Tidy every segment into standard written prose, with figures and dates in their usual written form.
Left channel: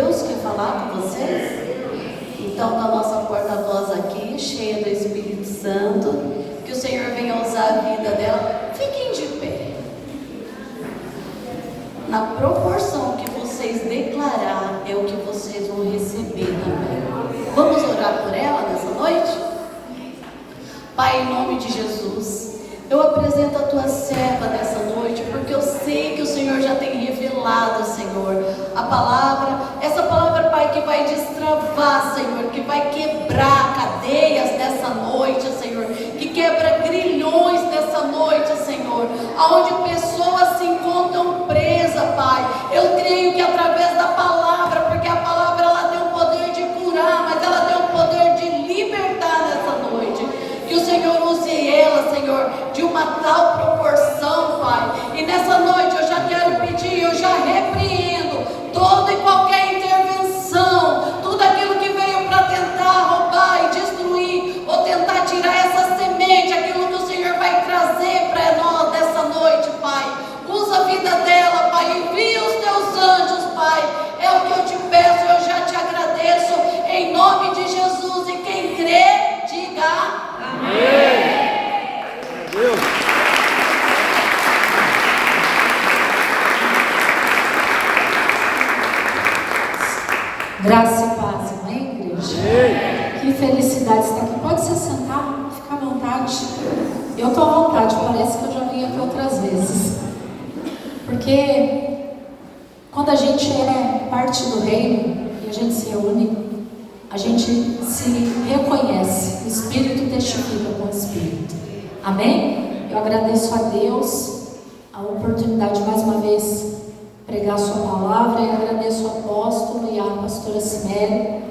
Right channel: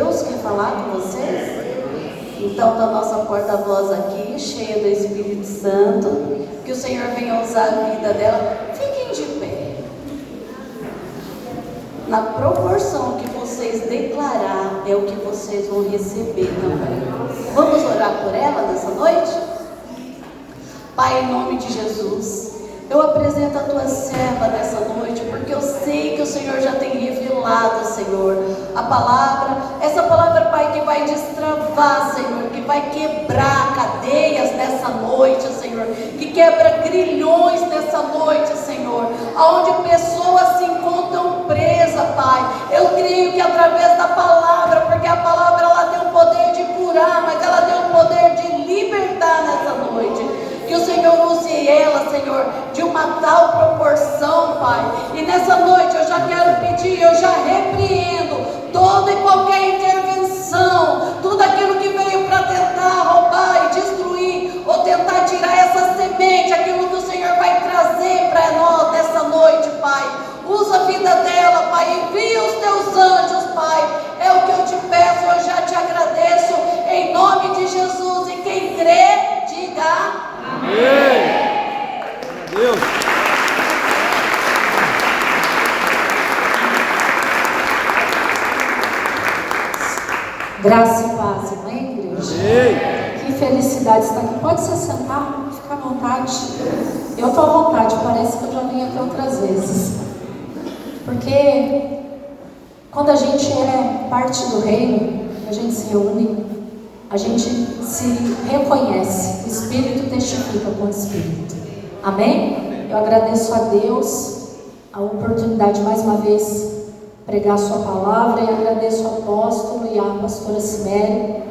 Deus quer falar com vocês? Então, da nossa porta-voz aqui, cheia do Espírito Santo, que o Senhor venha usar a vida dela. Fiquem de pé. Na proporção que vocês declarar, é o que vocês vão receber também. Vamos orar por ela nessa noite? Pai, em nome de Jesus, eu apresento a tua serva nessa noite, porque eu sei que o Senhor já tem revelado, Senhor, a palavra, essa palavra, Pai, que vai destravar, Senhor, que vai quebrar cadeias nessa noite, Senhor, que quebra grilhões nessa noite, Senhor, aonde pessoas se encontram presas, Pai. Eu creio que através da palavra, porque a palavra ela tem o poder de curar, mas ela tem o poder de libertar nessa noite. Que o Senhor use ela, Senhor, de uma tal proporção, Pai. E nessa noite eu já quero pedir, eu já repreendo toda e qualquer intervenção, tudo aquilo que veio para tentar roubar e destruir, ou tentar tirar essa semente, aquilo que o Senhor vai trazer para nós nessa noite, Pai. Usa a vida dela, Pai, envia os teus anjos, Pai. É o que eu te peço, eu já te agradeço, em nome de Jesus. E quem crê, diga amém. Deus. Graça e paz, amém, igreja? Amém. Que felicidade estar aqui. Pode se sentar, fica à vontade. Eu estou à vontade, parece que eu já vim aqui outras vezes. Porque quando a gente é parte do reino e a gente se reúne, a gente se reconhece, o Espírito testifica com o Espírito. Amém? Eu agradeço a Deus a oportunidade mais uma vez pregar a sua palavra, e agradeço ao apóstolo e à pastora Ciméria,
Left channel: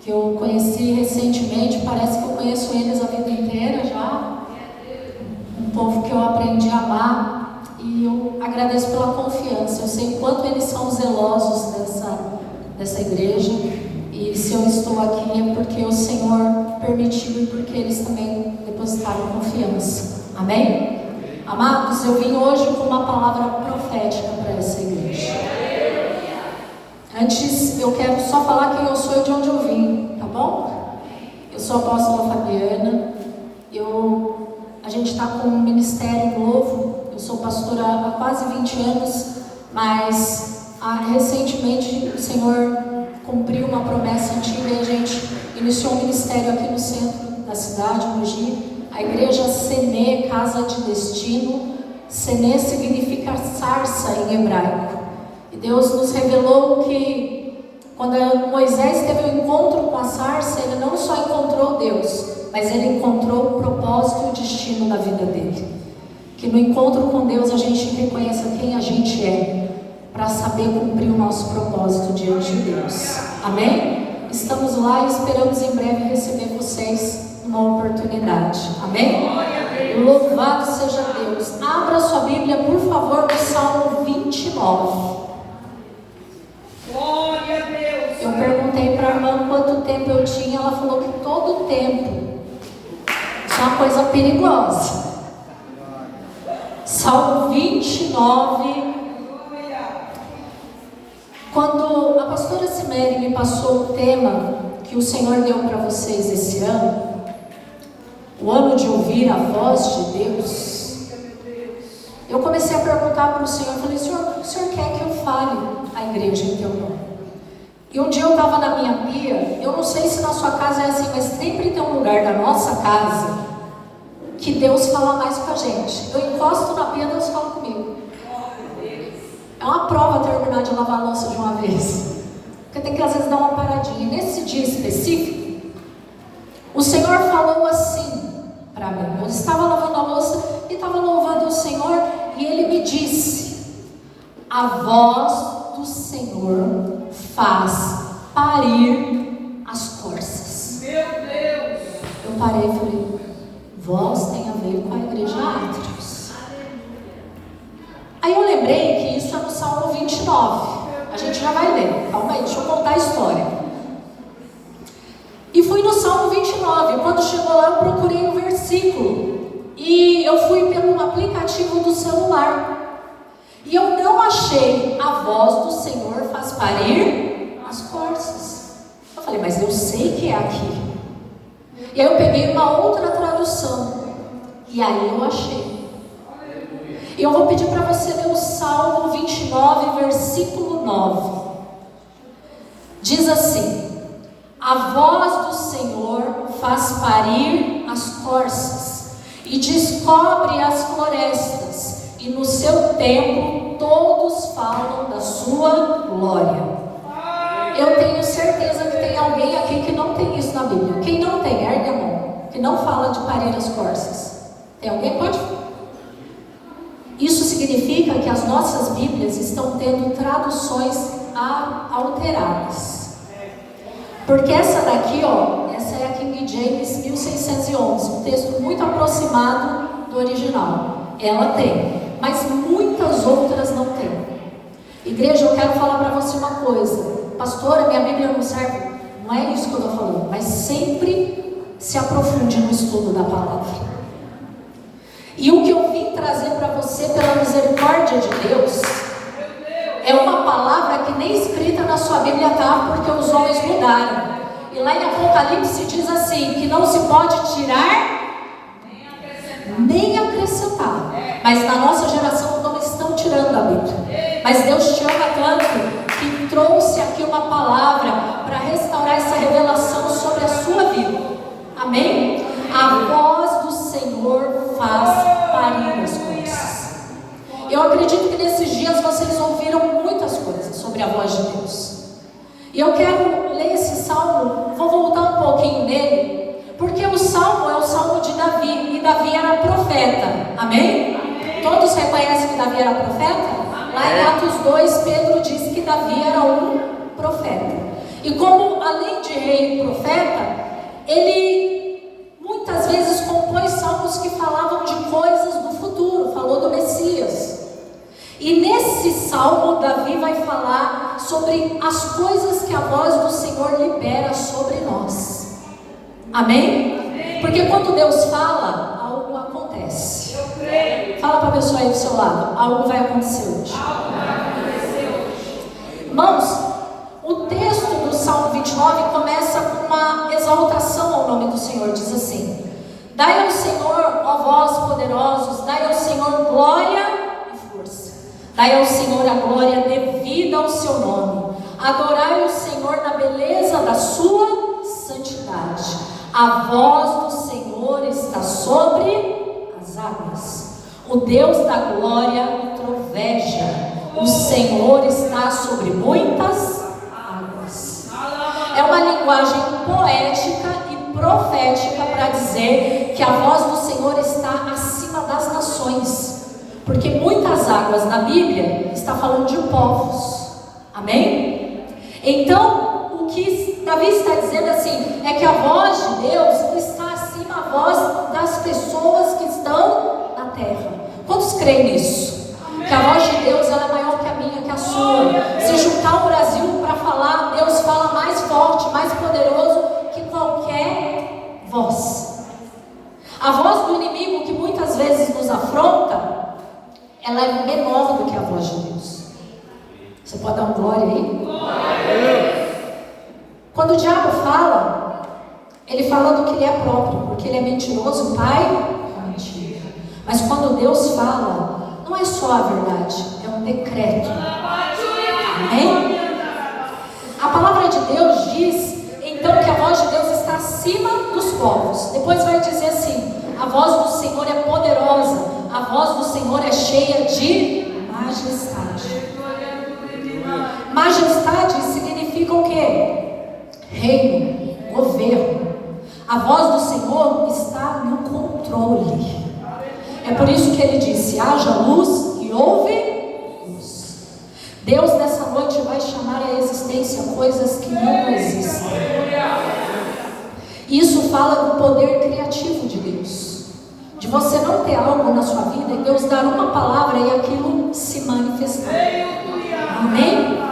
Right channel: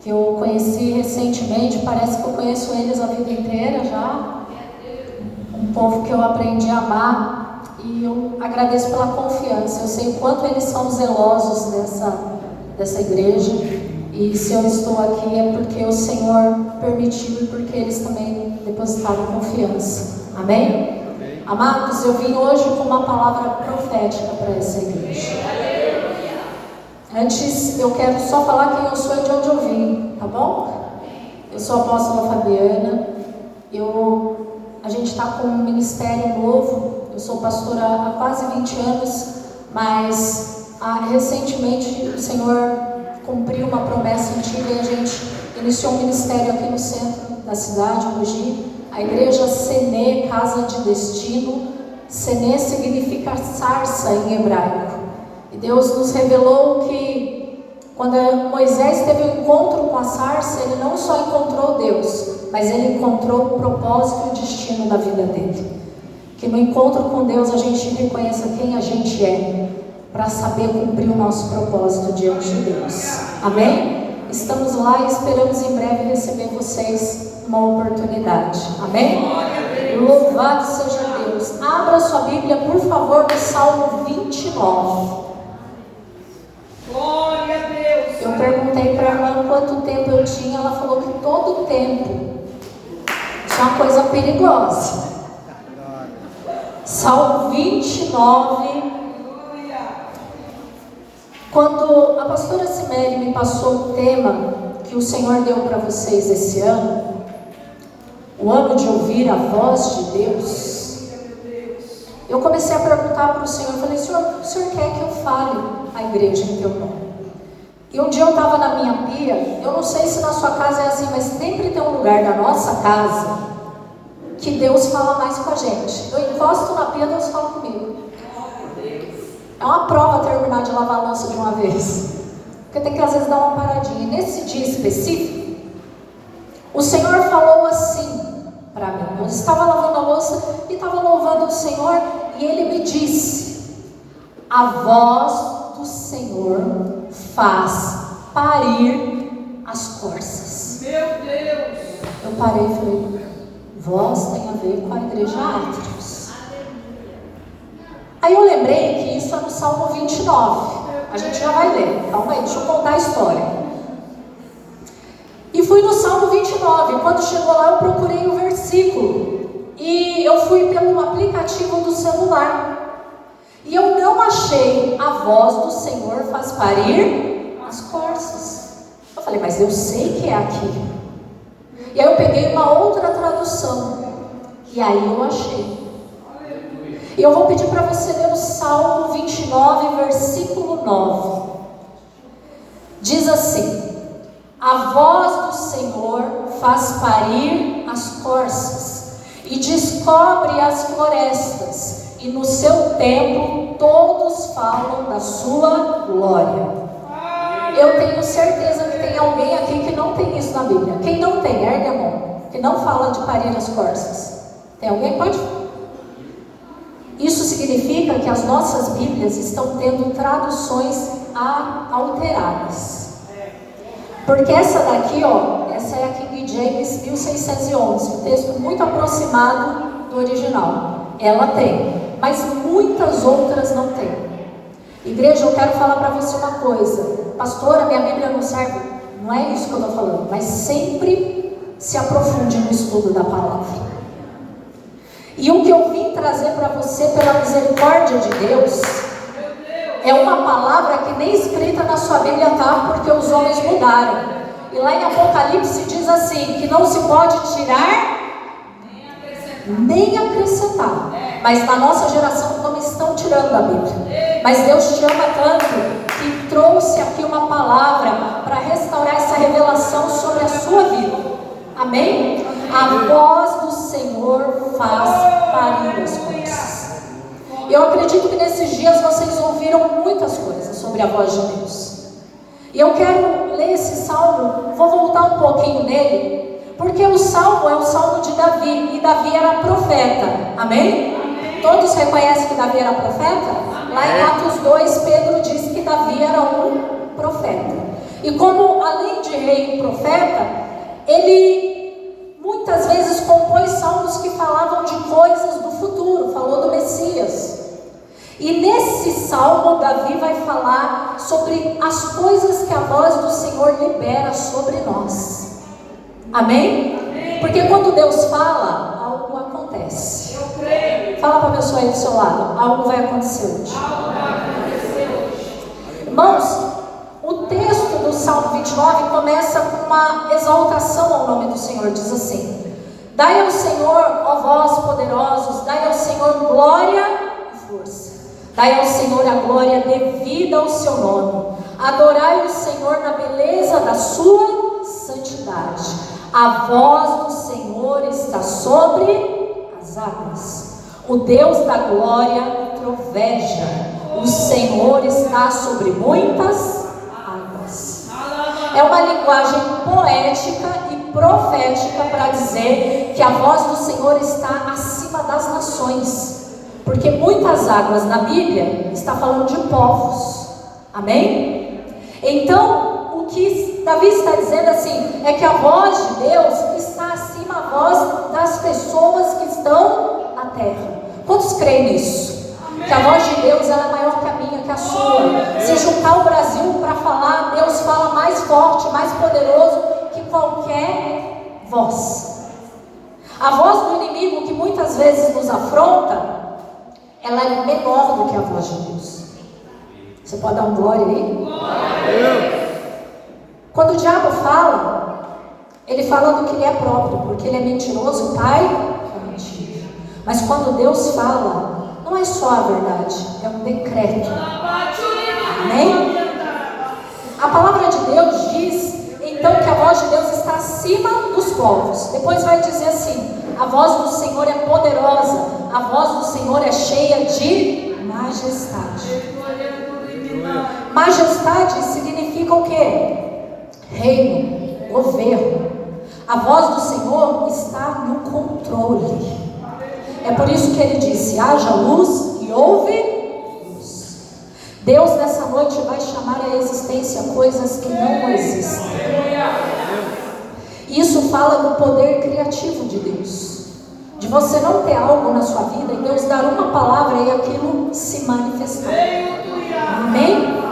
que eu conheci recentemente, parece que eu conheço eles a vida inteira já, um povo que eu aprendi a amar, e eu agradeço pela confiança. Eu sei o quanto eles são zelosos dessa igreja, e se eu estou aqui é porque o Senhor permitiu e porque eles também depositaram confiança. Amém? Amados, eu vim hoje com uma palavra profética para essa igreja. Antes, eu quero só falar quem eu sou e de onde eu vim, tá bom? Eu sou a apóstola Fabiana. A gente está com um ministério novo. Eu sou pastora há quase 20 anos, mas recentemente o Senhor cumpriu uma promessa antiga e a gente iniciou um ministério aqui no centro da cidade, Mogi. A igreja Senê, Casa de Destino. Senê significa sarça em hebraico. E Deus nos revelou que quando Moisés teve um encontro com a sarça, ele não só encontrou Deus, mas ele encontrou o propósito e o destino da vida dele. Que no encontro com Deus a gente reconheça quem a gente é, para saber cumprir o nosso propósito diante de Deus. Amém? Estamos lá e esperamos em breve receber vocês uma oportunidade. Amém? Louvado seja Deus. Abra sua Bíblia, por favor, no Salmo 29. Glória a Deus. Eu perguntei para a irmã quanto tempo eu tinha, ela falou que todo tempo. Isso é uma coisa perigosa. Salmo 29. Quando a pastora Ciméria me passou o tema que o Senhor deu para vocês esse ano, o ano de ouvir a voz de Deus, eu comecei a perguntar para o Senhor, eu falei, Senhor, o Senhor quer que eu fale à igreja em Teomão? E um dia eu estava na minha pia, eu não sei se na sua casa é assim, mas sempre tem um lugar da nossa casa que Deus fala mais com a gente. Eu encosto na pia, Deus fala comigo. É uma prova terminar de lavar a louça de uma vez, porque tem que às vezes dar uma paradinha. Nesse dia específico, o Senhor falou assim para mim. Eu estava lavando a louça e estava louvando o Senhor, e Ele me disse: a voz do Senhor faz parir as corças. Meu Deus. Eu parei e falei, voz tem a ver com a igreja Atrios. Aí eu lembrei que isso é no Salmo 29. A gente já vai ler. Calma aí, deixa eu contar a história. E fui no Salmo 29. Quando chegou lá, eu procurei um versículo. E eu fui pelo aplicativo do celular. E eu não achei a voz do Senhor faz parir as eu sei que é aqui. E aí eu peguei uma outra tradução, e aí eu achei. E eu vou pedir para você ler o Salmo 29, versículo 9. Diz assim: a voz do Senhor faz parir as corças e descobre as florestas, e no seu templo todos falam da sua glória. Eu tenho certeza que tem alguém aqui que não tem isso na Bíblia. Quem não tem, ergue a mão, que não fala de parir as corças. Tem alguém? Pode falar. Isso significa que as nossas Bíblias estão tendo traduções alteradas. Porque essa daqui, ó, essa é a King James 1611, um texto muito aproximado do original. Ela tem, mas muitas outras não tem. Igreja, eu quero falar para você uma coisa. Pastora, minha Bíblia não serve. Não é isso que eu estou falando, mas sempre se aprofunde no estudo da palavra. E o que eu vim trazer para você pela misericórdia de Deus é uma palavra que nem escrita na sua Bíblia está, porque os homens mudaram. E lá em Apocalipse diz assim, que não se pode tirar nem acrescentar. Mas na nossa geração não estão tirando a Bíblia. Mas Deus te ama tanto que trouxe aqui uma palavra para restaurar essa revelação sobre a sua vida. Amém? A voz do Senhor faz parir as coisas. Eu acredito que nesses dias vocês ouviram muitas coisas sobre a voz de Deus. E eu quero ler esse salmo, vou voltar um pouquinho nele, porque o salmo é o salmo de Davi, e Davi era profeta. Amém? Todos reconhecem que Davi era profeta? Lá em Atos 2, Pedro diz que Davi era um profeta. E como além de rei e profeta, ele muitas vezes compôs salmos que falavam de coisas do futuro, falou do Messias. E nesse salmo, Davi vai falar sobre as coisas que a voz do Senhor libera sobre nós. Amém? Porque quando Deus fala, algo acontece. Eu creio. Fala para a pessoa aí do seu lado, algo vai acontecer hoje. Irmãos, o texto do Salmo 29 começa com uma exaltação ao nome do Senhor. Diz assim: dai ao Senhor, ó vós poderosos, dai ao Senhor glória e força. Dai ao Senhor a glória devida ao seu nome. Adorai o Senhor na beleza da sua santidade. A voz do Senhor está sobre as águas. O Deus da glória troveja. O Senhor está sobre muitas águas. É uma linguagem poética e profética para dizer que a voz do Senhor está acima das nações. Porque muitas águas na Bíblia está falando de povos. Amém? Então, o que Davi está dizendo assim, é que a voz de Deus está acima da voz das pessoas que estão na terra. Quantos creem nisso? Que a voz de Deus é maior que a minha, que a sua. Se juntar o Brasil para falar, Deus fala mais forte, mais poderoso que qualquer voz. A voz do inimigo, que muitas vezes nos afronta, ela é menor do que a voz de Deus. Você pode dar um glória aí? Glória. Quando o diabo fala, ele fala do que ele é próprio, porque ele é mentiroso, pai é mentira. Mas quando Deus fala, não é só a verdade, é um decreto. Amém? A palavra de Deus diz, então, que a voz de Deus está acima dos povos. Depois vai dizer assim, a voz do Senhor é poderosa, a voz do Senhor é cheia de majestade. Majestade significa o quê? Reino, governo. A voz do Senhor está no controle. É por isso que ele disse, haja luz e houve luz. Deus nessa noite vai chamar à existência coisas que não existem. Isso fala do poder criativo de Deus. De você não ter algo na sua vida e Deus dar uma palavra e aquilo se manifestar. Amém?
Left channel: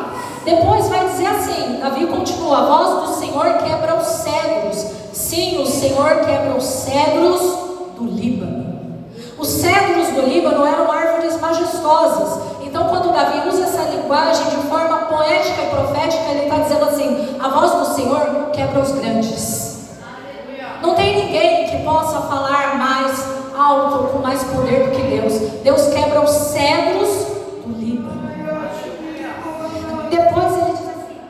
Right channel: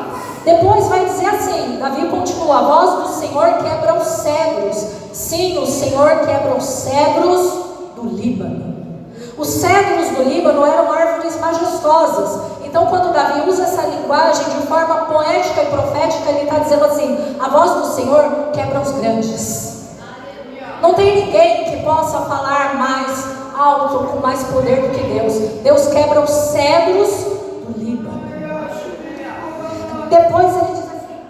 Depois vai dizer assim, Davi continua, a voz do Senhor quebra os cedros. Sim, o Senhor quebra os cedros do Líbano. Os cedros do Líbano eram árvores majestosas. Então quando Davi usa essa linguagem de forma poética e profética, ele está dizendo assim, a voz do Senhor quebra os grandes. Não tem ninguém que possa falar mais alto, com mais poder do que Deus. Deus quebra os cedros do Líbano. Depois ele diz assim:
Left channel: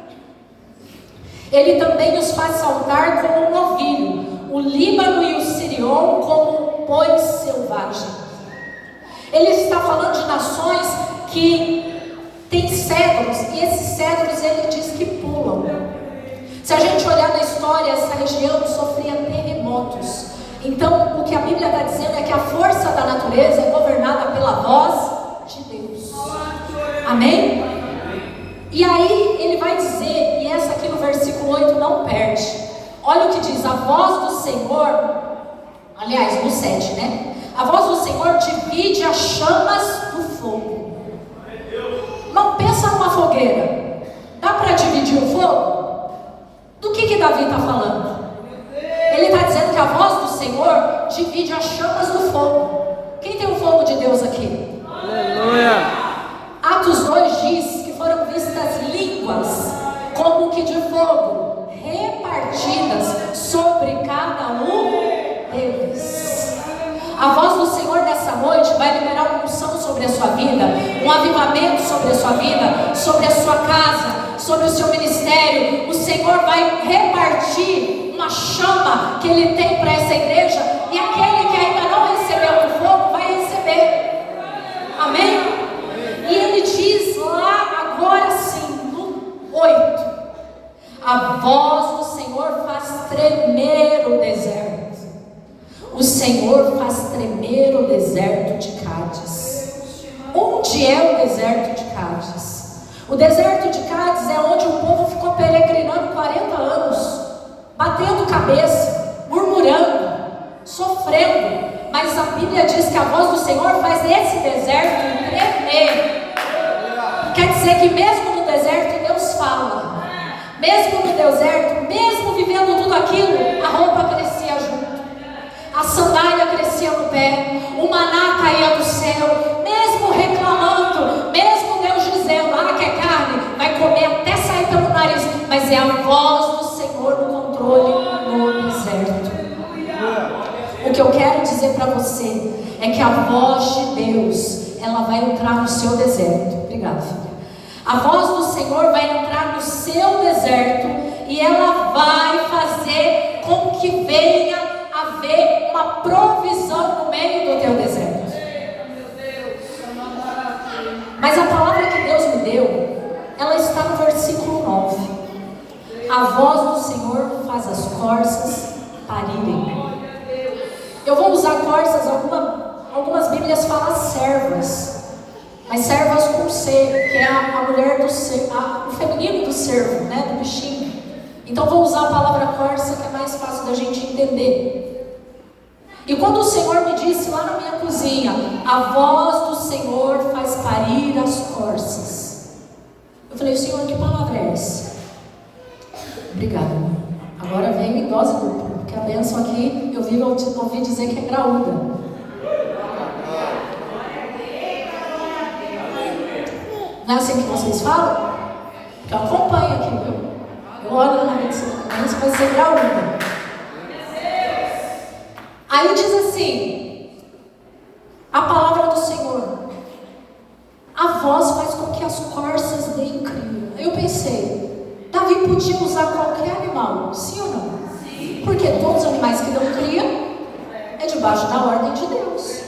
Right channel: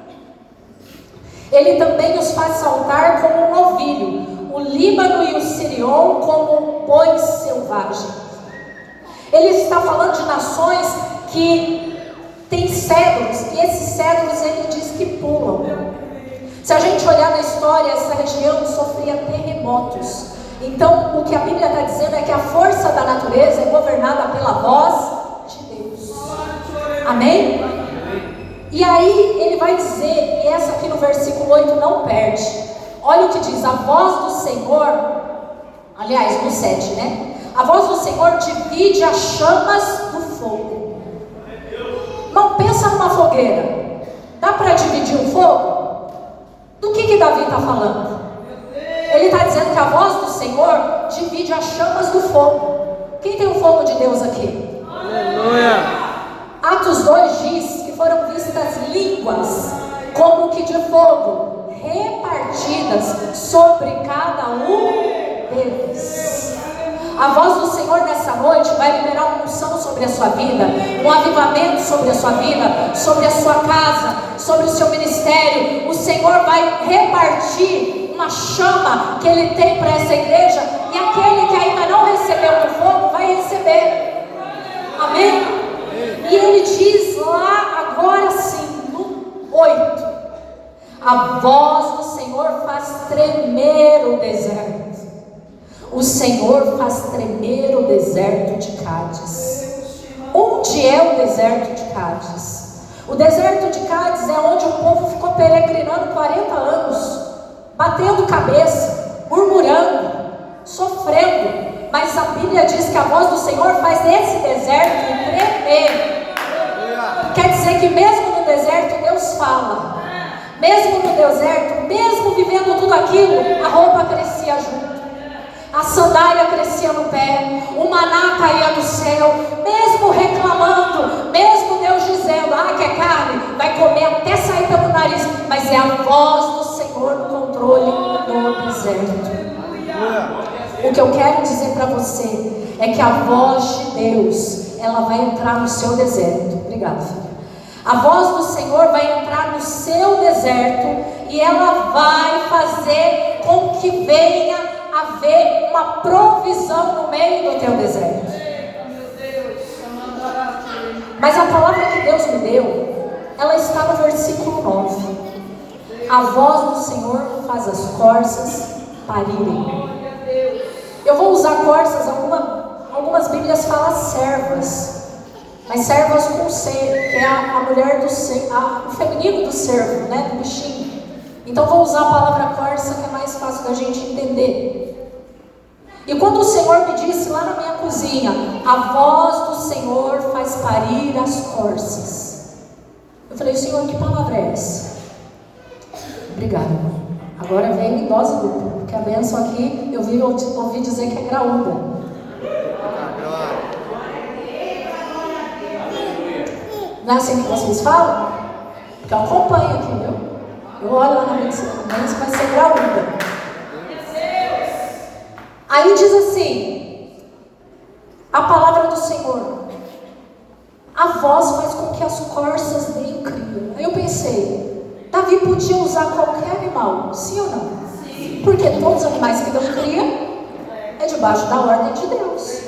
Ele também os faz saltar como um novilho, o Líbano e o Sirion como bois selvagens. Ele está falando de nações que têm cedros, e esses cedros ele diz que pulam. Se a gente olhar na história, essa região sofria terremotos. Então, o que a Bíblia está dizendo é que a força da natureza é governada pela voz de Deus. Amém? E aí ele vai dizer, e essa aqui no versículo 8 não perde. Olha o que diz: a voz do Senhor, aliás, no 7, né? A voz do Senhor divide as chamas do fogo. Não pensa numa fogueira. Dá para dividir o fogo? Do que Davi está falando? Ele está dizendo que a voz do Senhor divide as chamas do fogo. Quem tem o fogo de Deus aqui? Aleluia. Atos 2 diz que foram vistas línguas como que de fogo, repartidas sobre cada um deles. A voz do Senhor nessa noite vai liberar uma unção sobre a sua vida, um avivamento sobre a sua vida, sobre a sua casa, sobre o seu ministério. O Senhor vai repartir uma chama que Ele tem para essa igreja, e aquele que ainda não recebeu o fogo vai receber. Amém? E Ele diz lá agora sim, no 8: a voz do Senhor faz tremer o deserto. O Senhor faz tremer o deserto de Cádiz. Onde é o deserto de Cádiz? O deserto de Cádiz é onde o povo ficou peregrinando 40 anos, batendo cabeça, murmurando, sofrendo. Mas a Bíblia diz que a voz do Senhor faz esse deserto tremer. Quer dizer que mesmo no deserto Deus fala. Mesmo no deserto, mesmo vivendo tudo aquilo, a roupa crescia junto, a sandália crescia no pé, o maná caía do céu. Mesmo reclamando, mesmo Deus dizendo: que é carne, vai comer até sair pelo nariz. Mas é a voz do Senhor no controle no deserto. O que eu quero dizer para você é que a voz de Deus, ela vai entrar no seu deserto. Obrigada, filha. A voz do Senhor vai entrar no seu deserto e ela vai fazer com que venha haver uma provisão no meio do teu deserto. Mas a palavra que Deus me deu, ela está no versículo 9. A voz do Senhor faz as corças parirem. Eu vou usar corças, algumas Bíblias falam servas. As servas com C, que é a mulher do cervo, o feminino do cervo, né, do bichinho. Então vou usar a palavra corça, que é mais fácil da gente entender. E quando o Senhor me disse lá na minha cozinha: a voz do Senhor faz parir as corças, eu falei: Senhor, que palavra é essa? Obrigada. Agora veio em dose dupla, porque a bênção aqui, eu ouvi dizer que é graúda. Não é assim que vocês falam? Porque eu acompanho aqui, viu? Eu olho na medicina, mas vai ser graúda. Aí diz assim, a palavra do Senhor: a voz faz com que as corças deem cria. Aí eu pensei, Davi podia usar qualquer animal, sim ou não? Sim. Porque todos os animais que dão cria é debaixo da ordem de Deus.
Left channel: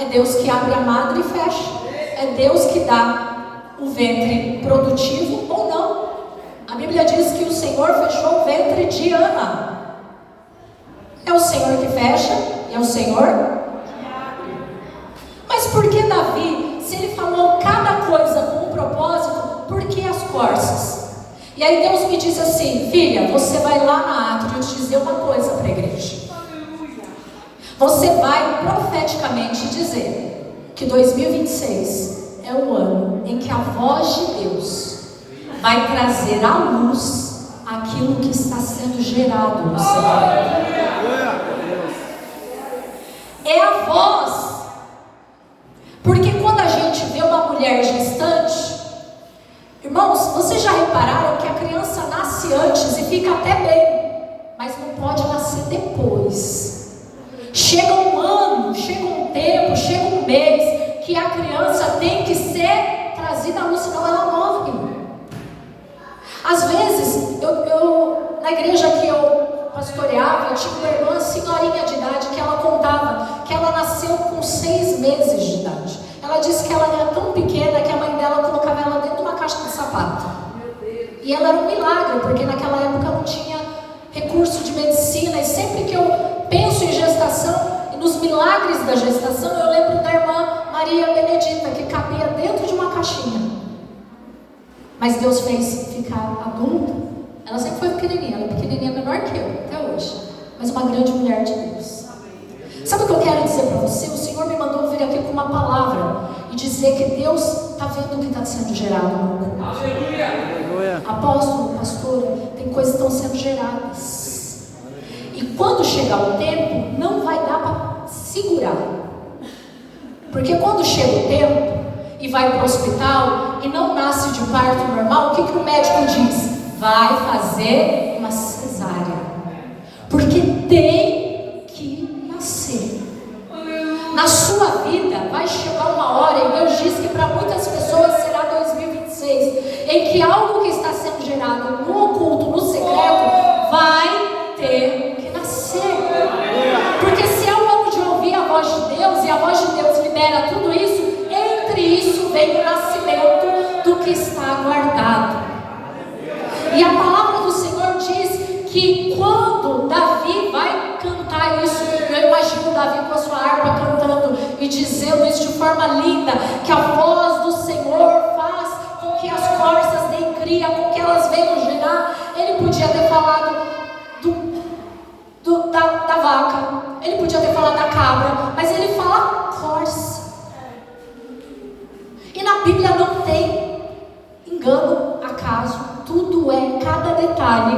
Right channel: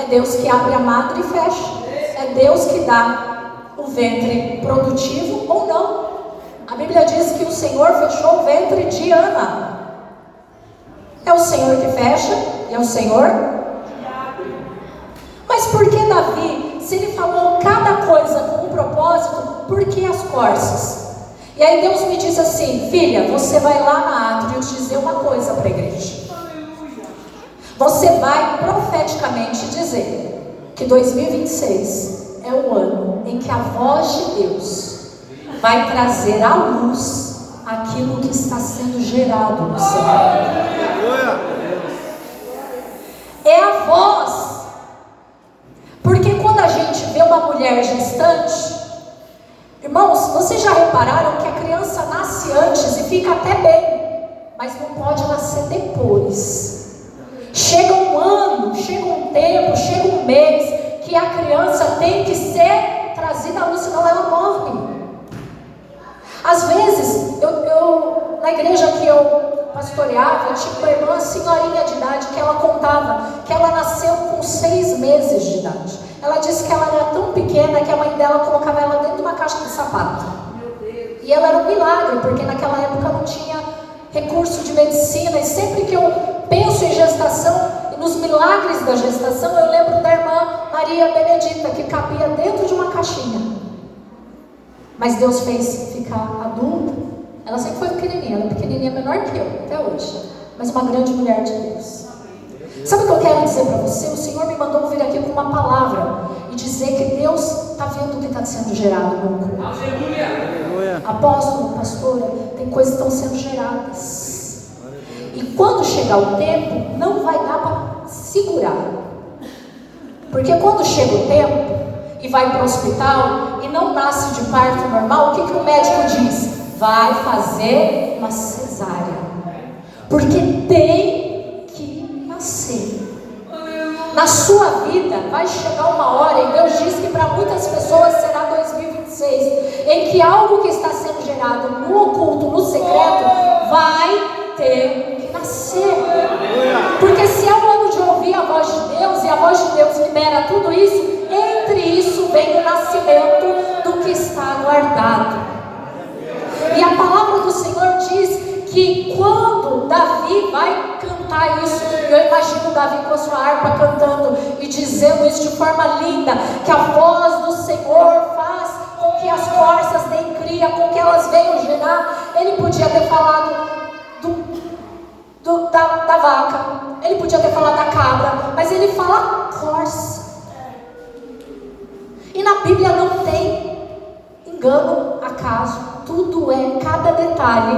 É Deus que abre a madre e fecha. É Deus que dá o ventre produtivo ou não. A Bíblia diz que o Senhor fechou o ventre de Ana. É o Senhor que fecha e é o Senhor que abre. Mas por que Davi, se ele falou cada coisa com um propósito, por que as corças? E aí Deus me disse assim: filha, você vai lá na átrio dizer uma coisa para a igreja. Você vai profeticamente dizer que 2026 é o ano em que a voz de Deus vai trazer à luz aquilo que está sendo gerado no céu. É a voz. Porque quando a gente vê uma mulher gestante, irmãos, vocês já repararam que a criança nasce antes e fica até bem? Às vezes, na igreja que eu pastoreava, tinha uma irmã, senhorinha de idade, que ela contava que ela nasceu com 6 meses de idade. Ela disse que ela era tão pequena que a mãe dela colocava ela dentro de uma caixa de sapato. E ela era um milagre, porque naquela época não tinha recurso de medicina. E sempre que eu penso em gestação, e nos milagres da gestação, eu lembro da irmã Maria Benedita, que cabia dentro de uma caixinha. Mas Deus fez ficar adulta. Ela sempre foi pequenininha, menor que eu, até hoje. Mas uma grande mulher de Deus. Sabe o que eu quero dizer para você? O Senhor me mandou vir aqui com uma palavra e dizer que Deus está vendo o que está sendo gerado no meu corpo. Apóstolo, pastora, tem coisas que estão sendo geradas. E quando chegar o tempo, não vai dar para segurar. Porque quando chega o tempo e vai para o hospital e não nasce de parto normal, o que o médico diz? Vai fazer uma cesárea. Porque tem que nascer. Na sua vida vai chegar uma hora, e Deus diz que para muitas pessoas será 2026, em que algo que está sendo gerado no oculto, no secreto, vai ter que nascer. Porque se é o ano de ouvir a voz de Deus, e a voz de Deus libera tudo isso, entre isso vem o nascimento do que está guardado. E a palavra do Senhor diz que quando Davi vai cantar isso, eu imagino Davi com a sua harpa cantando e dizendo isso de forma linda, que a voz do Senhor faz com que as corças deem cria, com que elas venham gerar. Ele podia ter falado da vaca, ele podia ter falado da cabra, mas ele fala corça. E na Bíblia não tem engano, acaso, tudo cada detalhe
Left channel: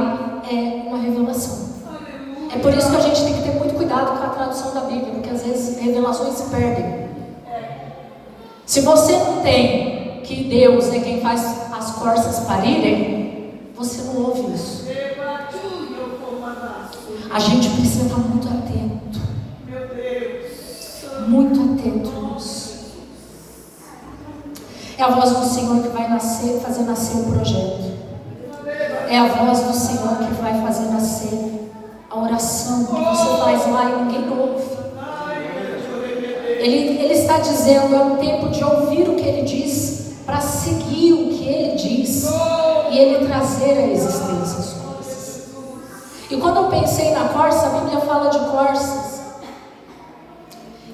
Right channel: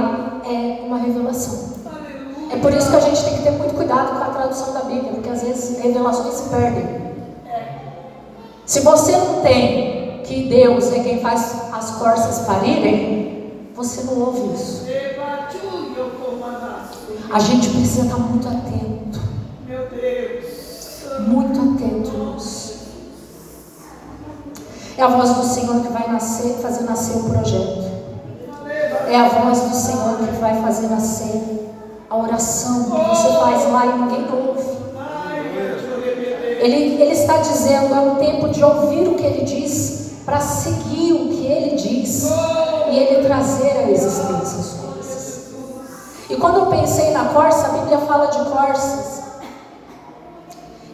é uma revelação. É por isso que a gente tem que ter muito cuidado com a tradução da Bíblia, porque às vezes revelações se perdem. Se você não tem que Deus é quem faz as corças parirem, você não ouve isso. A gente precisa estar muito atento. Meu Deus. Muito atento nisso. É a voz do Senhor que vai fazer nascer o projeto. É a voz do Senhor que vai fazer nascer a oração que você faz lá e ninguém ouve. Ele está dizendo, é o tempo de ouvir o que Ele diz, para seguir o que Ele diz e Ele trazer à existência as coisas. E quando eu pensei na corça, a Bíblia fala de corças.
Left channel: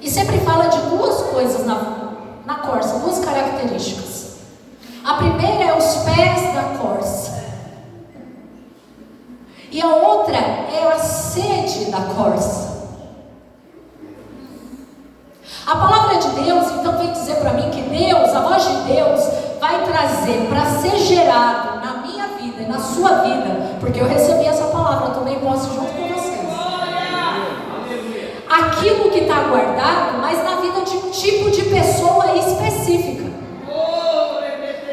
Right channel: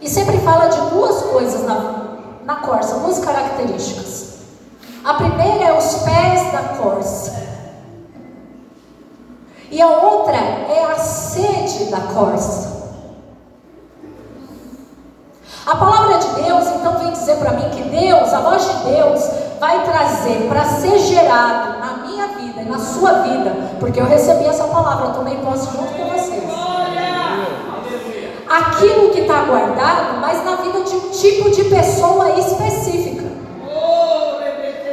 E sempre fala de duas coisas na corça, duas características. A primeira é os pés da corça. E a outra é a sede da corça. A palavra de Deus, então, vem dizer para mim que Deus, a voz de Deus, vai trazer para ser gerado na minha vida, na sua vida, porque eu recebi essa palavra, eu também posso junto com vocês. Aquilo que está guardado, mas na vida de um tipo de pessoa específica.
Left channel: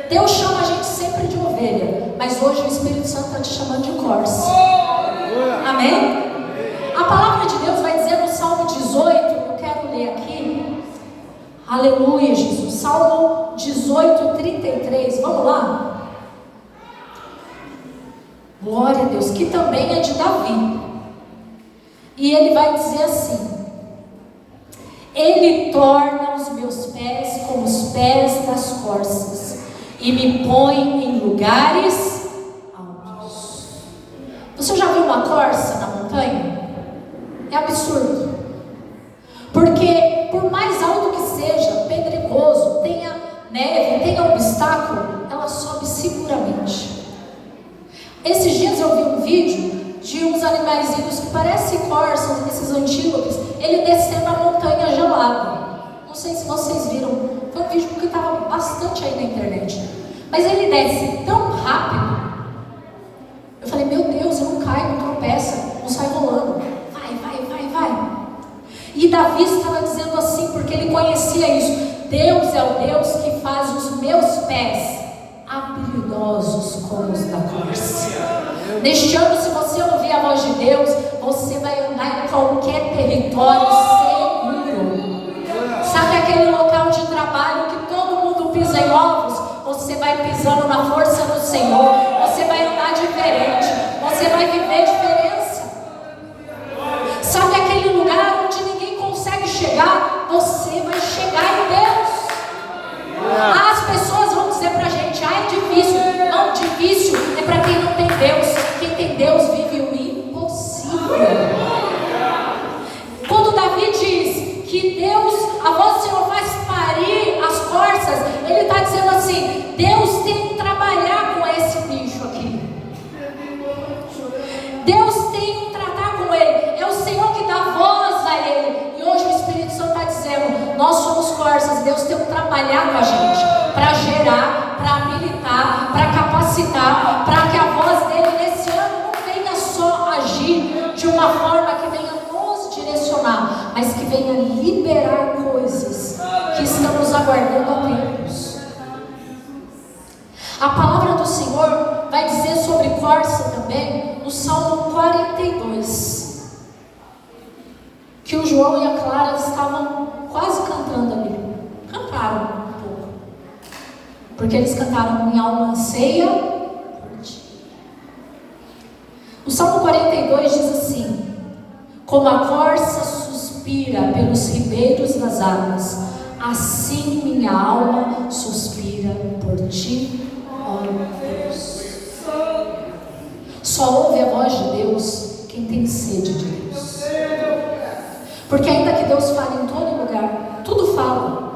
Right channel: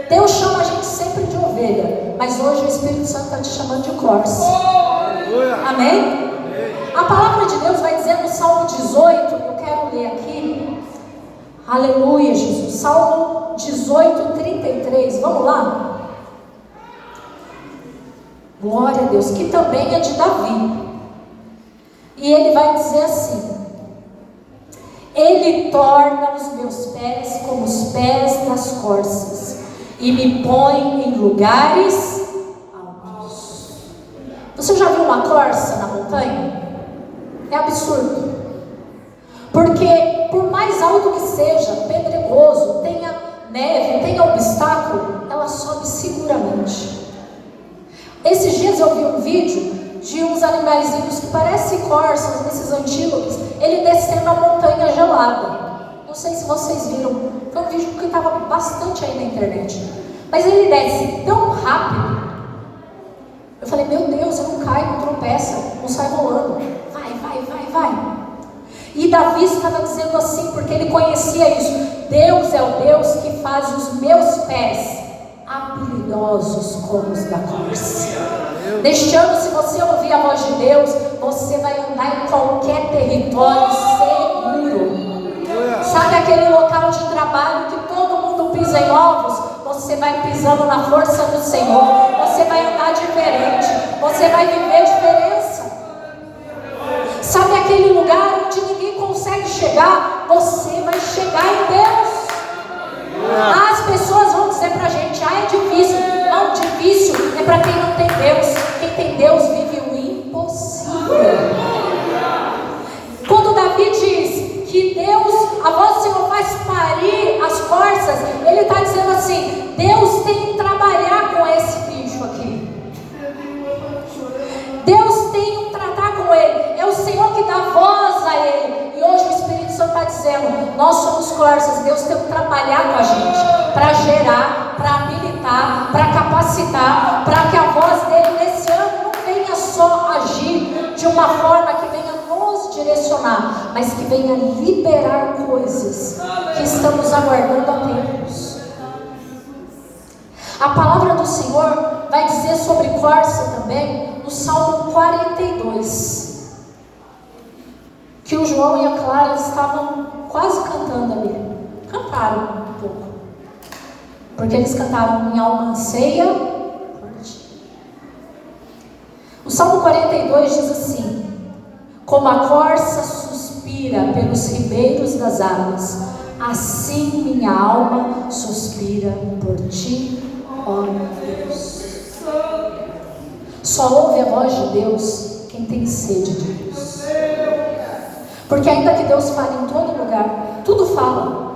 Deus chama a gente sempre de ovelha, mas hoje o Espírito Santo está te chamando de corça. Amém? A palavra de Deus vai dizer no Salmo 18, eu quero ler aqui. Aleluia, Jesus. Salmo 18, 33. Vamos lá? Glória a Deus, que também é de Davi. E ele vai dizer assim: Ele torna os meus pés como os pés das corças e me põe em lugares altos. Você já viu uma corça na montanha? É absurdo. Porque por mais alto que seja, pedregoso, tenha neve, tenha obstáculo, ela sobe seguramente. Esses dias eu vi um vídeo de uns animaizinhos que parecem corças, desses antílopes, ele descendo a montanha gelada. Não sei se vocês viram, foi um vídeo que estava bastante aí na internet. Mas ele desce tão rápido. Eu falei, meu Deus, eu não caio, não tropeça, não sai rolando. Vai. E Davi estava dizendo assim, porque ele conhecia isso. Deus é o Deus que faz os meus pés habilidosos como os da corça. Neste ano, se você ouvir a voz de Deus, você vai andar em qualquer território seguro. Sabe aquele local de trabalho que todo mundo pisa em ovos? Você vai pisando na força do Senhor. Você vai andar vai viver diferença. Sabe aquele lugar onde ninguém consegue chegar? Você vai chegar em Deus. As pessoas vão dizer pra gente: é difícil. Não, difícil é para quem não tem Deus. Quem tem Deus vive o impossível. Quando Davi diz que Deus, a voz do Senhor faz parir as corças, ele está dizendo assim: Deus tem que trabalhar com esse bicho aqui. Deus tem que tratar com ele. É o Senhor que dá voz a ele. E hoje o Espírito Santo está dizendo: nós somos corças. Deus tem que trabalhar com a gente para gerar, para habilitar, para capacitar, para que a voz dele nesse ano não venha só agir de uma forma que venha nos direcionar, mas que venha liberar coisas que estamos aguardando há tempos. A palavra do Senhor vai dizer sobre corça também no Salmo 42, que o João e a Clara estavam quase cantando ali. Cantaram um pouco, porque eles cantaram: minha alma anseia por ti. O Salmo 42 diz assim: como a corça suspira pelos ribeiros das águas, assim minha alma suspira por ti, ó Deus. Só ouve a voz de Deus quem tem sede de Deus. Porque ainda que Deus fale em todo lugar, tudo fala,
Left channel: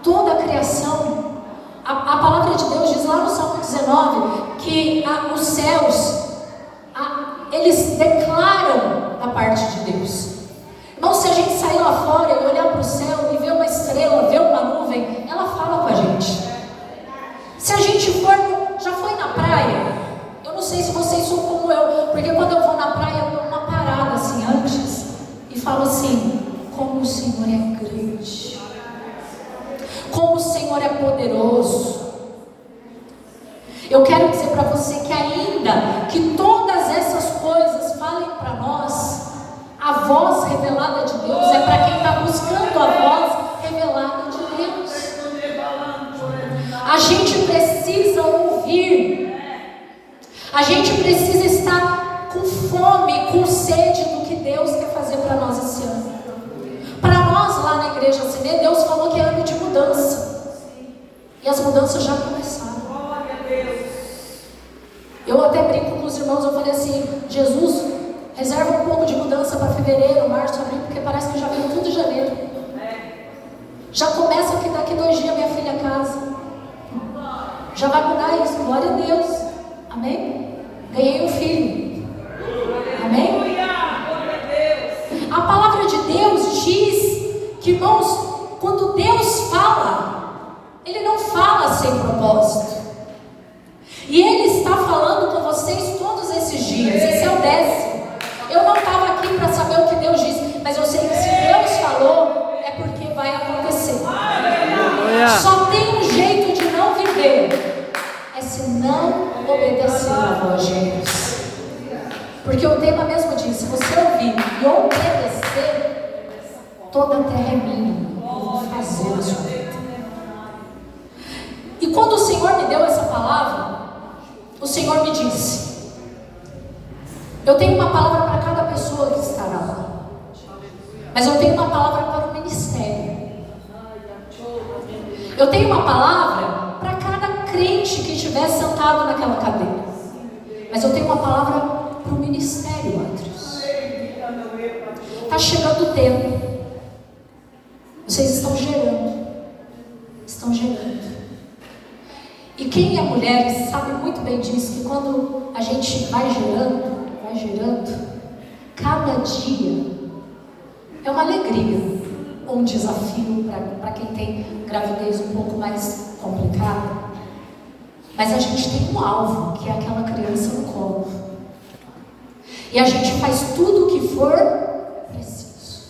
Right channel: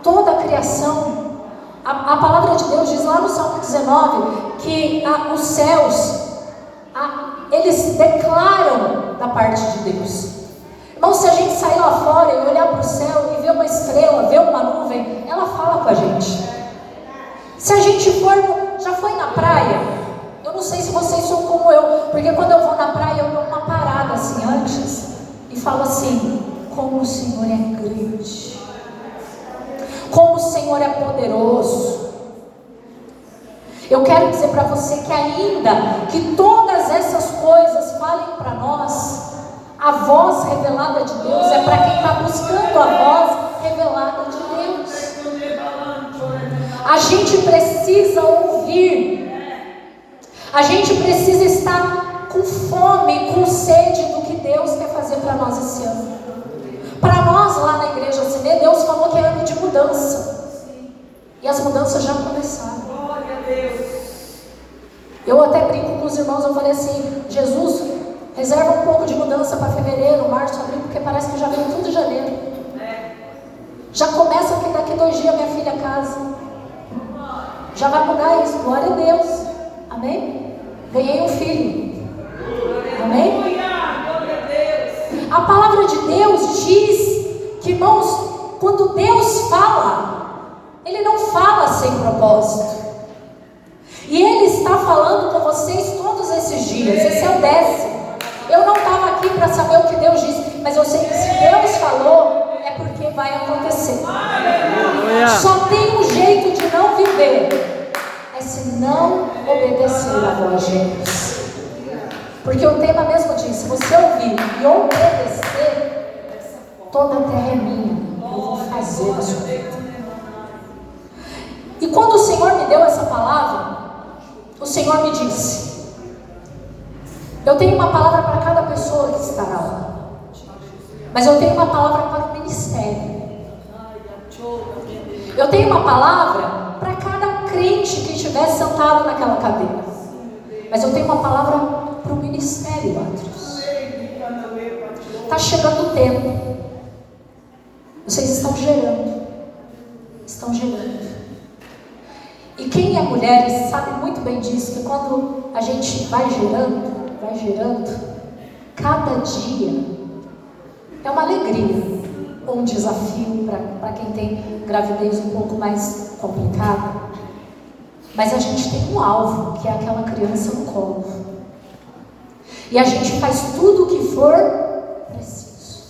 toda a criação, a palavra de Deus diz lá no Salmo 19 que os céus, eles declaram da parte de Deus. Então, se a gente sair lá fora e olhar para o céu e ver uma estrela, ver uma nuvem, ela fala com a gente. Se a gente já foi na praia, eu não sei se vocês são como eu, porque quando eu vou na praia eu dou uma parada assim antes e falo assim: como o Senhor é grande, como o Senhor é poderoso. Eu quero dizer para você que ainda que todas essas coisas falem para nós, a voz revelada de Deus é para quem está buscando a voz revelada de Deus. A gente precisa ouvir, a gente precisa estar com fome, com sede do que Deus quer fazer para nós esse ano. Para nós lá na igreja CD, Deus falou que é ano de mudança, e as mudanças já começaram. Eu até brinco com os irmãos, eu falei assim: Jesus, reserva um pouco de mudança para fevereiro, março, abril, porque parece que já veio tudo em janeiro. Já começa que daqui 2 dias minha filha casa. Já vai mudar isso, glória a Deus. Amém? Ganhei um filho. Amém? A palavra de Deus diz que, irmãos, quando Deus fala, Ele não fala sem propósito. E Ele está falando com vocês todos esses dias. Esse é o 10º. Eu não estava aqui para saber o que Deus disse, mas eu sei que se Deus falou, é porque vai acontecer. Só tem um jeito de não viver, é se não obedecer a voz de Deus. Porque o tema mesmo diz: se você ouvir e obedecer, toda a terra é minha, eu vou fazer a sua vida. E quando o Senhor me deu essa palavra, o Senhor me disse: eu tenho uma palavra para cada pessoa que estará lá, mas eu tenho uma palavra para o ministério. Eu tenho uma palavra para cada crente que estiver sentado naquela cadeira, mas eu tenho uma palavra para o ministério, Atrios. Está chegando o tempo. Vocês estão gerando. Estão gerando. E quem é mulher sabe muito bem disso, que quando a gente vai gerando, cada dia é uma alegria, ou um desafio para quem tem gravidez um pouco mais complicada. Mas a gente tem um alvo, que é aquela criança no colo. E a gente faz tudo o que for preciso.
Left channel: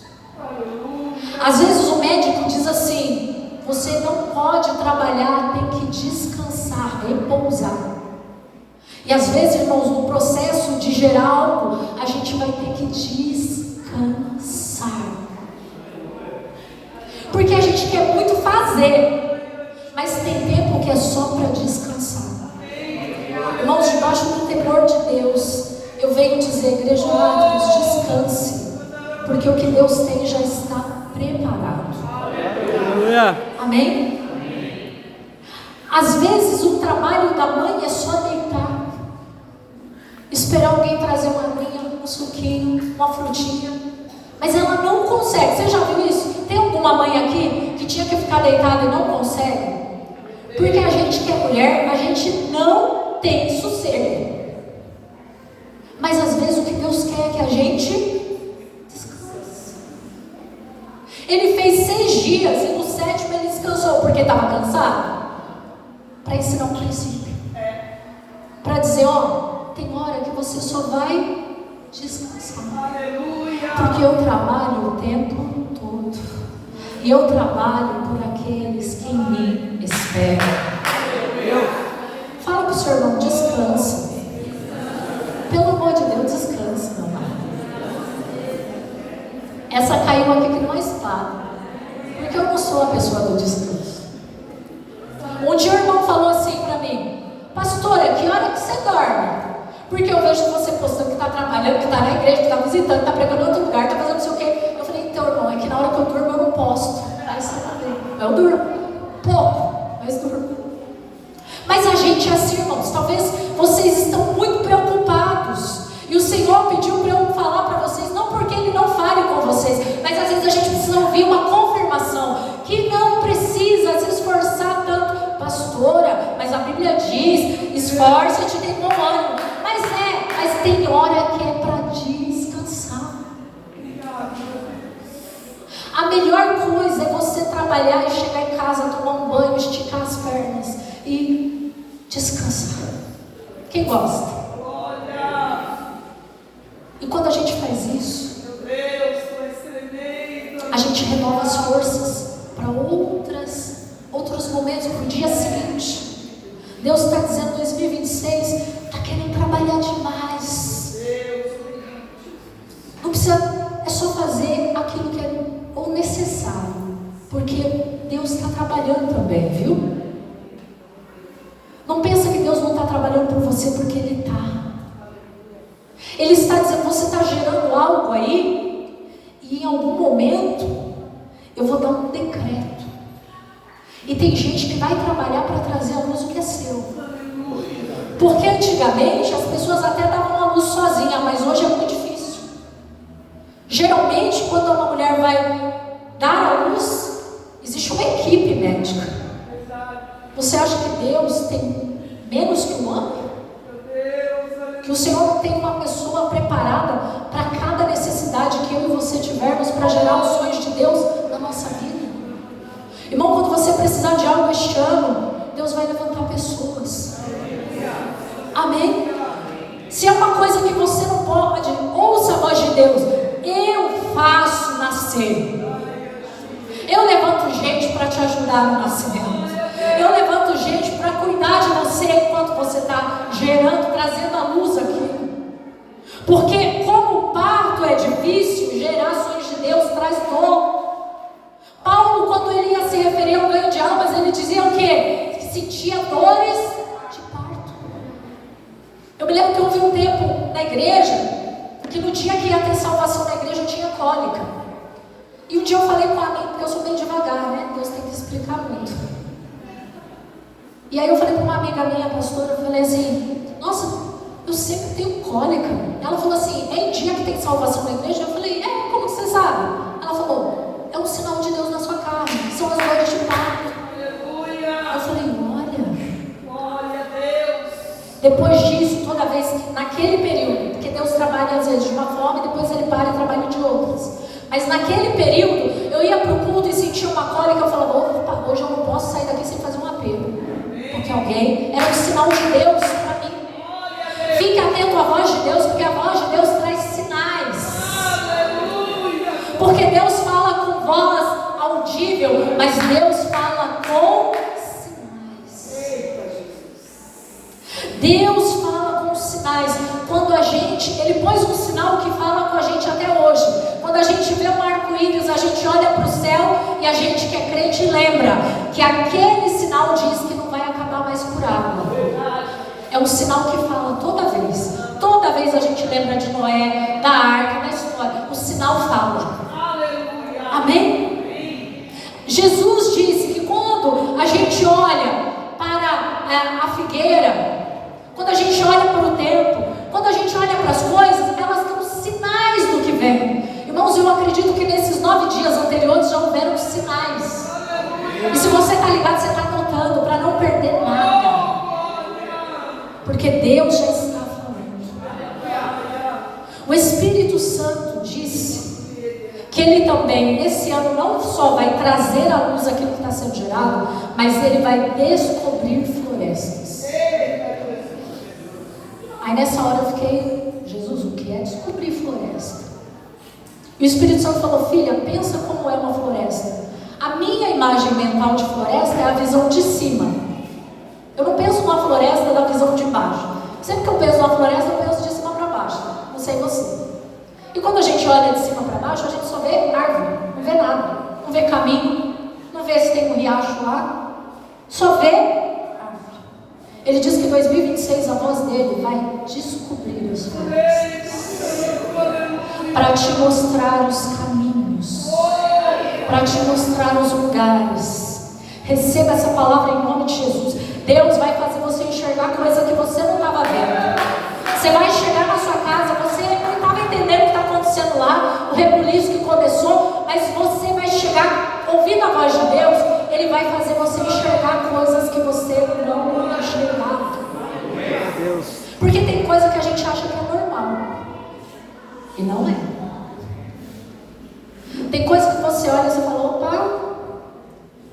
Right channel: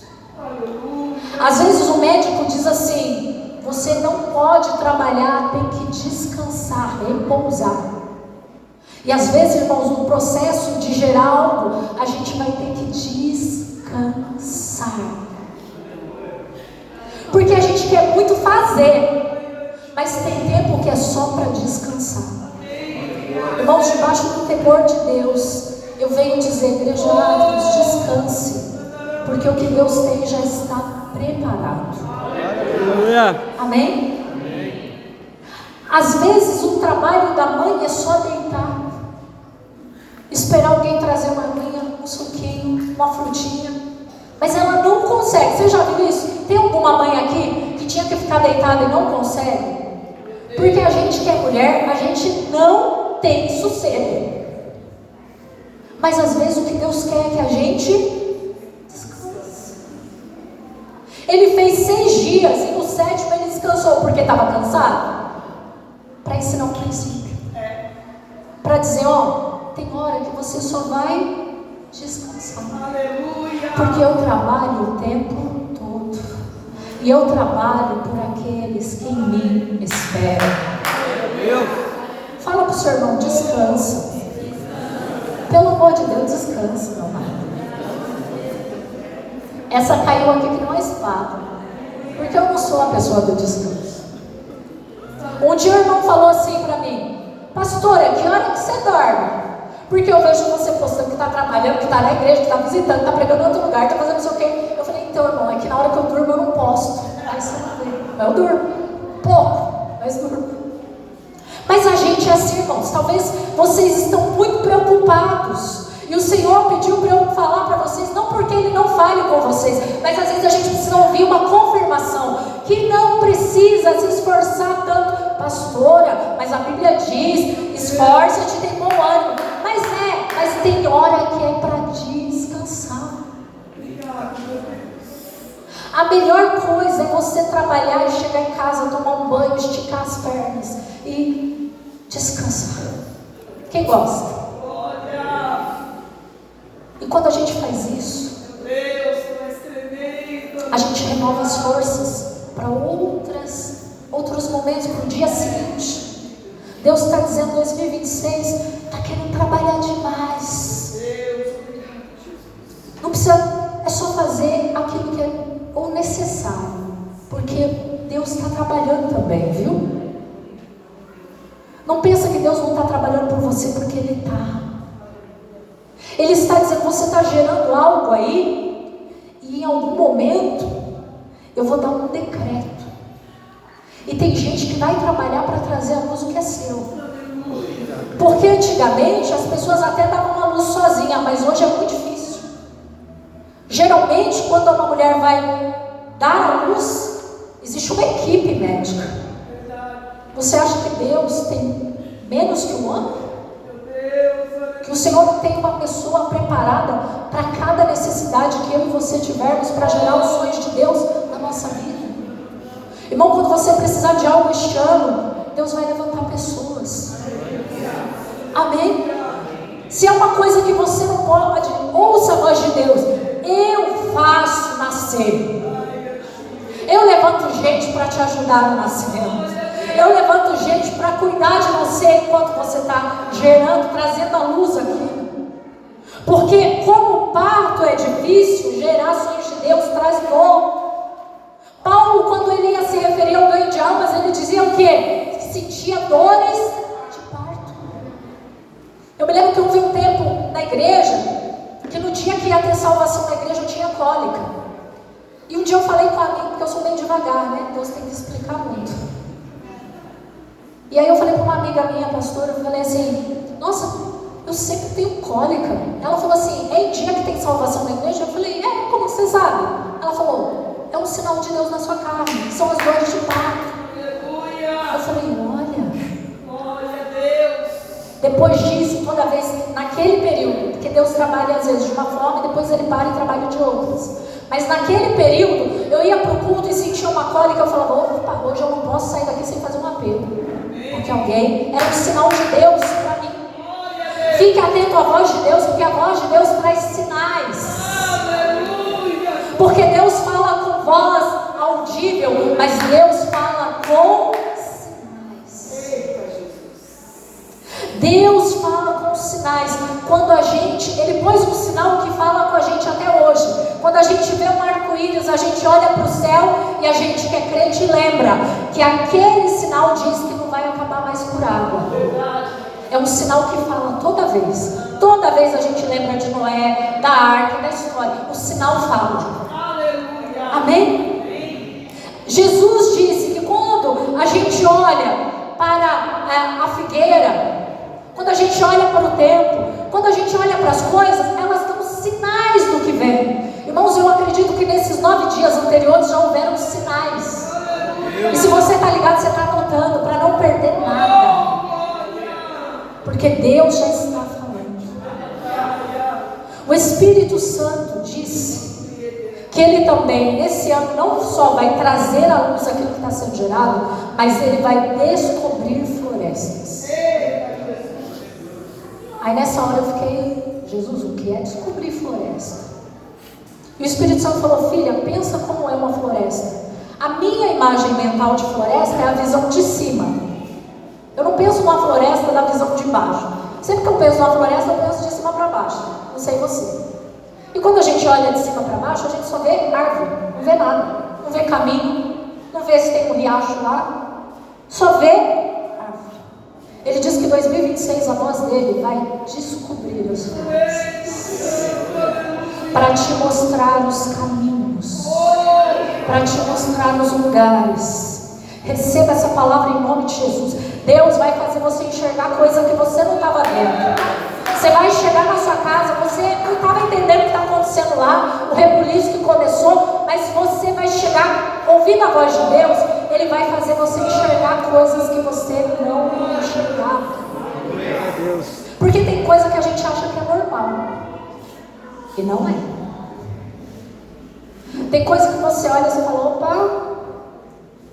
Às vezes o médico diz assim: você não pode trabalhar, tem que descansar, repousar. E às vezes, irmãos, no processo de gerar algo, a gente vai ter que descansar. Porque a gente quer muito fazer, mas tem tempo que é só para descansar. Irmãos, debaixo do temor de Deus, eu Eu venho dizer, igreja Atos, descanse, porque o que Deus tem já está preparado. Amém? Às vezes o trabalho da mãe é só deitar, esperar alguém trazer uma aguinha, um suquinho, uma frutinha, mas ela não consegue. Você já viu isso? Tem alguma mãe aqui que tinha que ficar deitada e não consegue? Porque a gente que é mulher, a gente não tem sossego. Mas às vezes o que Deus quer é que a gente descanse. Ele fez 6 dias e no 7º ele descansou porque estava cansado. Para ensinar um princípio. Para dizer, ó, tem hora que você só vai descansar. Aleluia. Porque eu trabalho o tempo todo. E eu trabalho por aqueles que em mim esperam. Fala para o seu irmão, descansa. Pelo amor de Deus, descansa, meu amado. Essa caiu aqui com uma espada. Porque eu não sou a pessoa do descanso. Um dia o irmão falou assim para mim: pastora, que hora que você dorme? Porque eu vejo você postando que está trabalhando, que está na igreja, que está visitando, que está pregando em outro lugar, está fazendo não sei o quê. Eu falei, então irmão, é que na hora que eu durmo eu não posto. Aí você vai ver, eu durmo, pouco, mas durmo. Mas a gente é assim, irmãos, talvez vocês estão muito preocupados. E o Senhor pediu para eu falar para vocês, não porque Ele não fale com vocês, mas às vezes a gente precisa ouvir uma confirmação, que não precisa se esforçar tanto. Pastora, mas a Bíblia diz, esforça-te e tem bom ânimo. Mas tem hora que é para descansar. A melhor coisa é você trabalhar e chegar em casa, tomar um banho, esticar as pernas e descansar. Quem gosta? E quando a gente faz isso, a gente renova as forças para outros momentos, para o dia seguinte. Deus está dizendo, 2026, está querendo trabalhar demais. Não precisa, é só fazer aquilo que é o necessário, porque Deus está trabalhando também, viu? Não pensa que Deus não está trabalhando por você, porque Ele está. Ele está dizendo, você está gerando algo aí, e em algum momento eu vou dar um decreto. E tem gente que vai trabalhar para trazer à luz o que é seu. Porque antigamente as pessoas até davam a luz sozinha, mas hoje é muito difícil. Geralmente, quando uma mulher vai dar a luz, existe uma equipe médica. Você acha que Deus tem menos que um homem? Que o Senhor tem uma pessoa preparada para cada necessidade que eu e você tivermos para gerar os sonhos de Deus na nossa vida. Irmão, quando você precisar de algo este ano, Deus vai levantar pessoas. Amém? Se é uma coisa que você não pode, ouça a voz de Deus. Eu faço nascer. Eu levanto gente para te ajudar no nascimento. Eu levanto gente para cuidar de você enquanto você está gerando, trazendo a luz aqui. Porque como o parto é difícil, gerações de Deus traz dor. Paulo, quando ele ia se referir ao ganho de almas, ele dizia o quê? Que sentia dores de parto. Eu me lembro que houve um tempo na igreja, que no dia que ia ter salvação na igreja, eu tinha cólica. E um dia eu falei com a amiga, porque eu sou bem devagar, né? Deus tem que explicar muito. E aí eu falei para uma amiga minha, pastora, eu falei assim, nossa, eu sempre tenho cólica. Ela falou assim, é dia que tem salvação na igreja? Eu falei, como que você sabe? Ela falou, é um sinal de Deus na sua carne, são as dores de parto. Eu falei, Glória a Deus. Depois disso, toda vez que, naquele período, porque Deus trabalha às vezes de uma forma, depois Ele para e trabalha de outras. Mas naquele período, eu ia para o culto e sentia uma cólica, eu falava, opa, hoje eu não posso sair daqui sem fazer um apelo. Porque alguém, era um sinal de Deus para mim. Fique atento à voz de Deus, porque a voz de Deus traz sinais. Porque Deus fala com voz audível, mas Deus fala com sinais. Deus fala com sinais. Quando a gente, Ele pôs um sinal que fala com a gente até hoje. Quando a gente vê um arco-íris, a gente olha para o céu e a gente que é crente lembra que aquele sinal diz que não vai acabar mais por água. É um sinal que fala toda vez vez a gente lembra de Noé, da arca, da história. O sinal fala. Amém? Jesus disse que quando a gente olha para a figueira, quando a gente olha para o tempo, quando a gente olha para as coisas, elas dão sinais do que vem. Irmãos, eu acredito que nesses 9 dias anteriores já houveram sinais. E se você está ligado, você está anotando para não perder nada. Porque Deus já está falando. O Espírito Santo disse que Ele também, esse ano, não só vai trazer à luz aquilo que está sendo gerado, mas Ele vai descobrir florestas. Aí nessa hora eu fiquei, Jesus, o que é descobrir floresta? E o Espírito Santo falou, filha, pensa como é uma floresta. A minha imagem mental de floresta é a visão de cima. Eu não penso numa floresta da visão de baixo. Sempre que eu penso numa floresta, eu penso de cima para baixo. Não sei você. E quando a gente olha de cima para baixo, a gente só vê árvore, não vê nada. Não vê caminho, não vê se tem um riacho lá. Só vê árvore. Ele diz que em 2026 a voz dele vai descobrir as florestas. Para te mostrar os caminhos. Para te mostrar os lugares. Receba essa palavra em nome de Jesus. Deus vai fazer você enxergar coisa que você não estava vendo. Você vai enxergar na sua casa, você não estava entendendo o que está acontecendo lá, o rebuliço que começou, mas você vai chegar, ouvindo a voz de Deus, Ele vai fazer você enxergar coisas que você não enxergava. Porque tem coisa que a gente acha que é normal, e não é. Tem coisa que você olha e você fala, opa,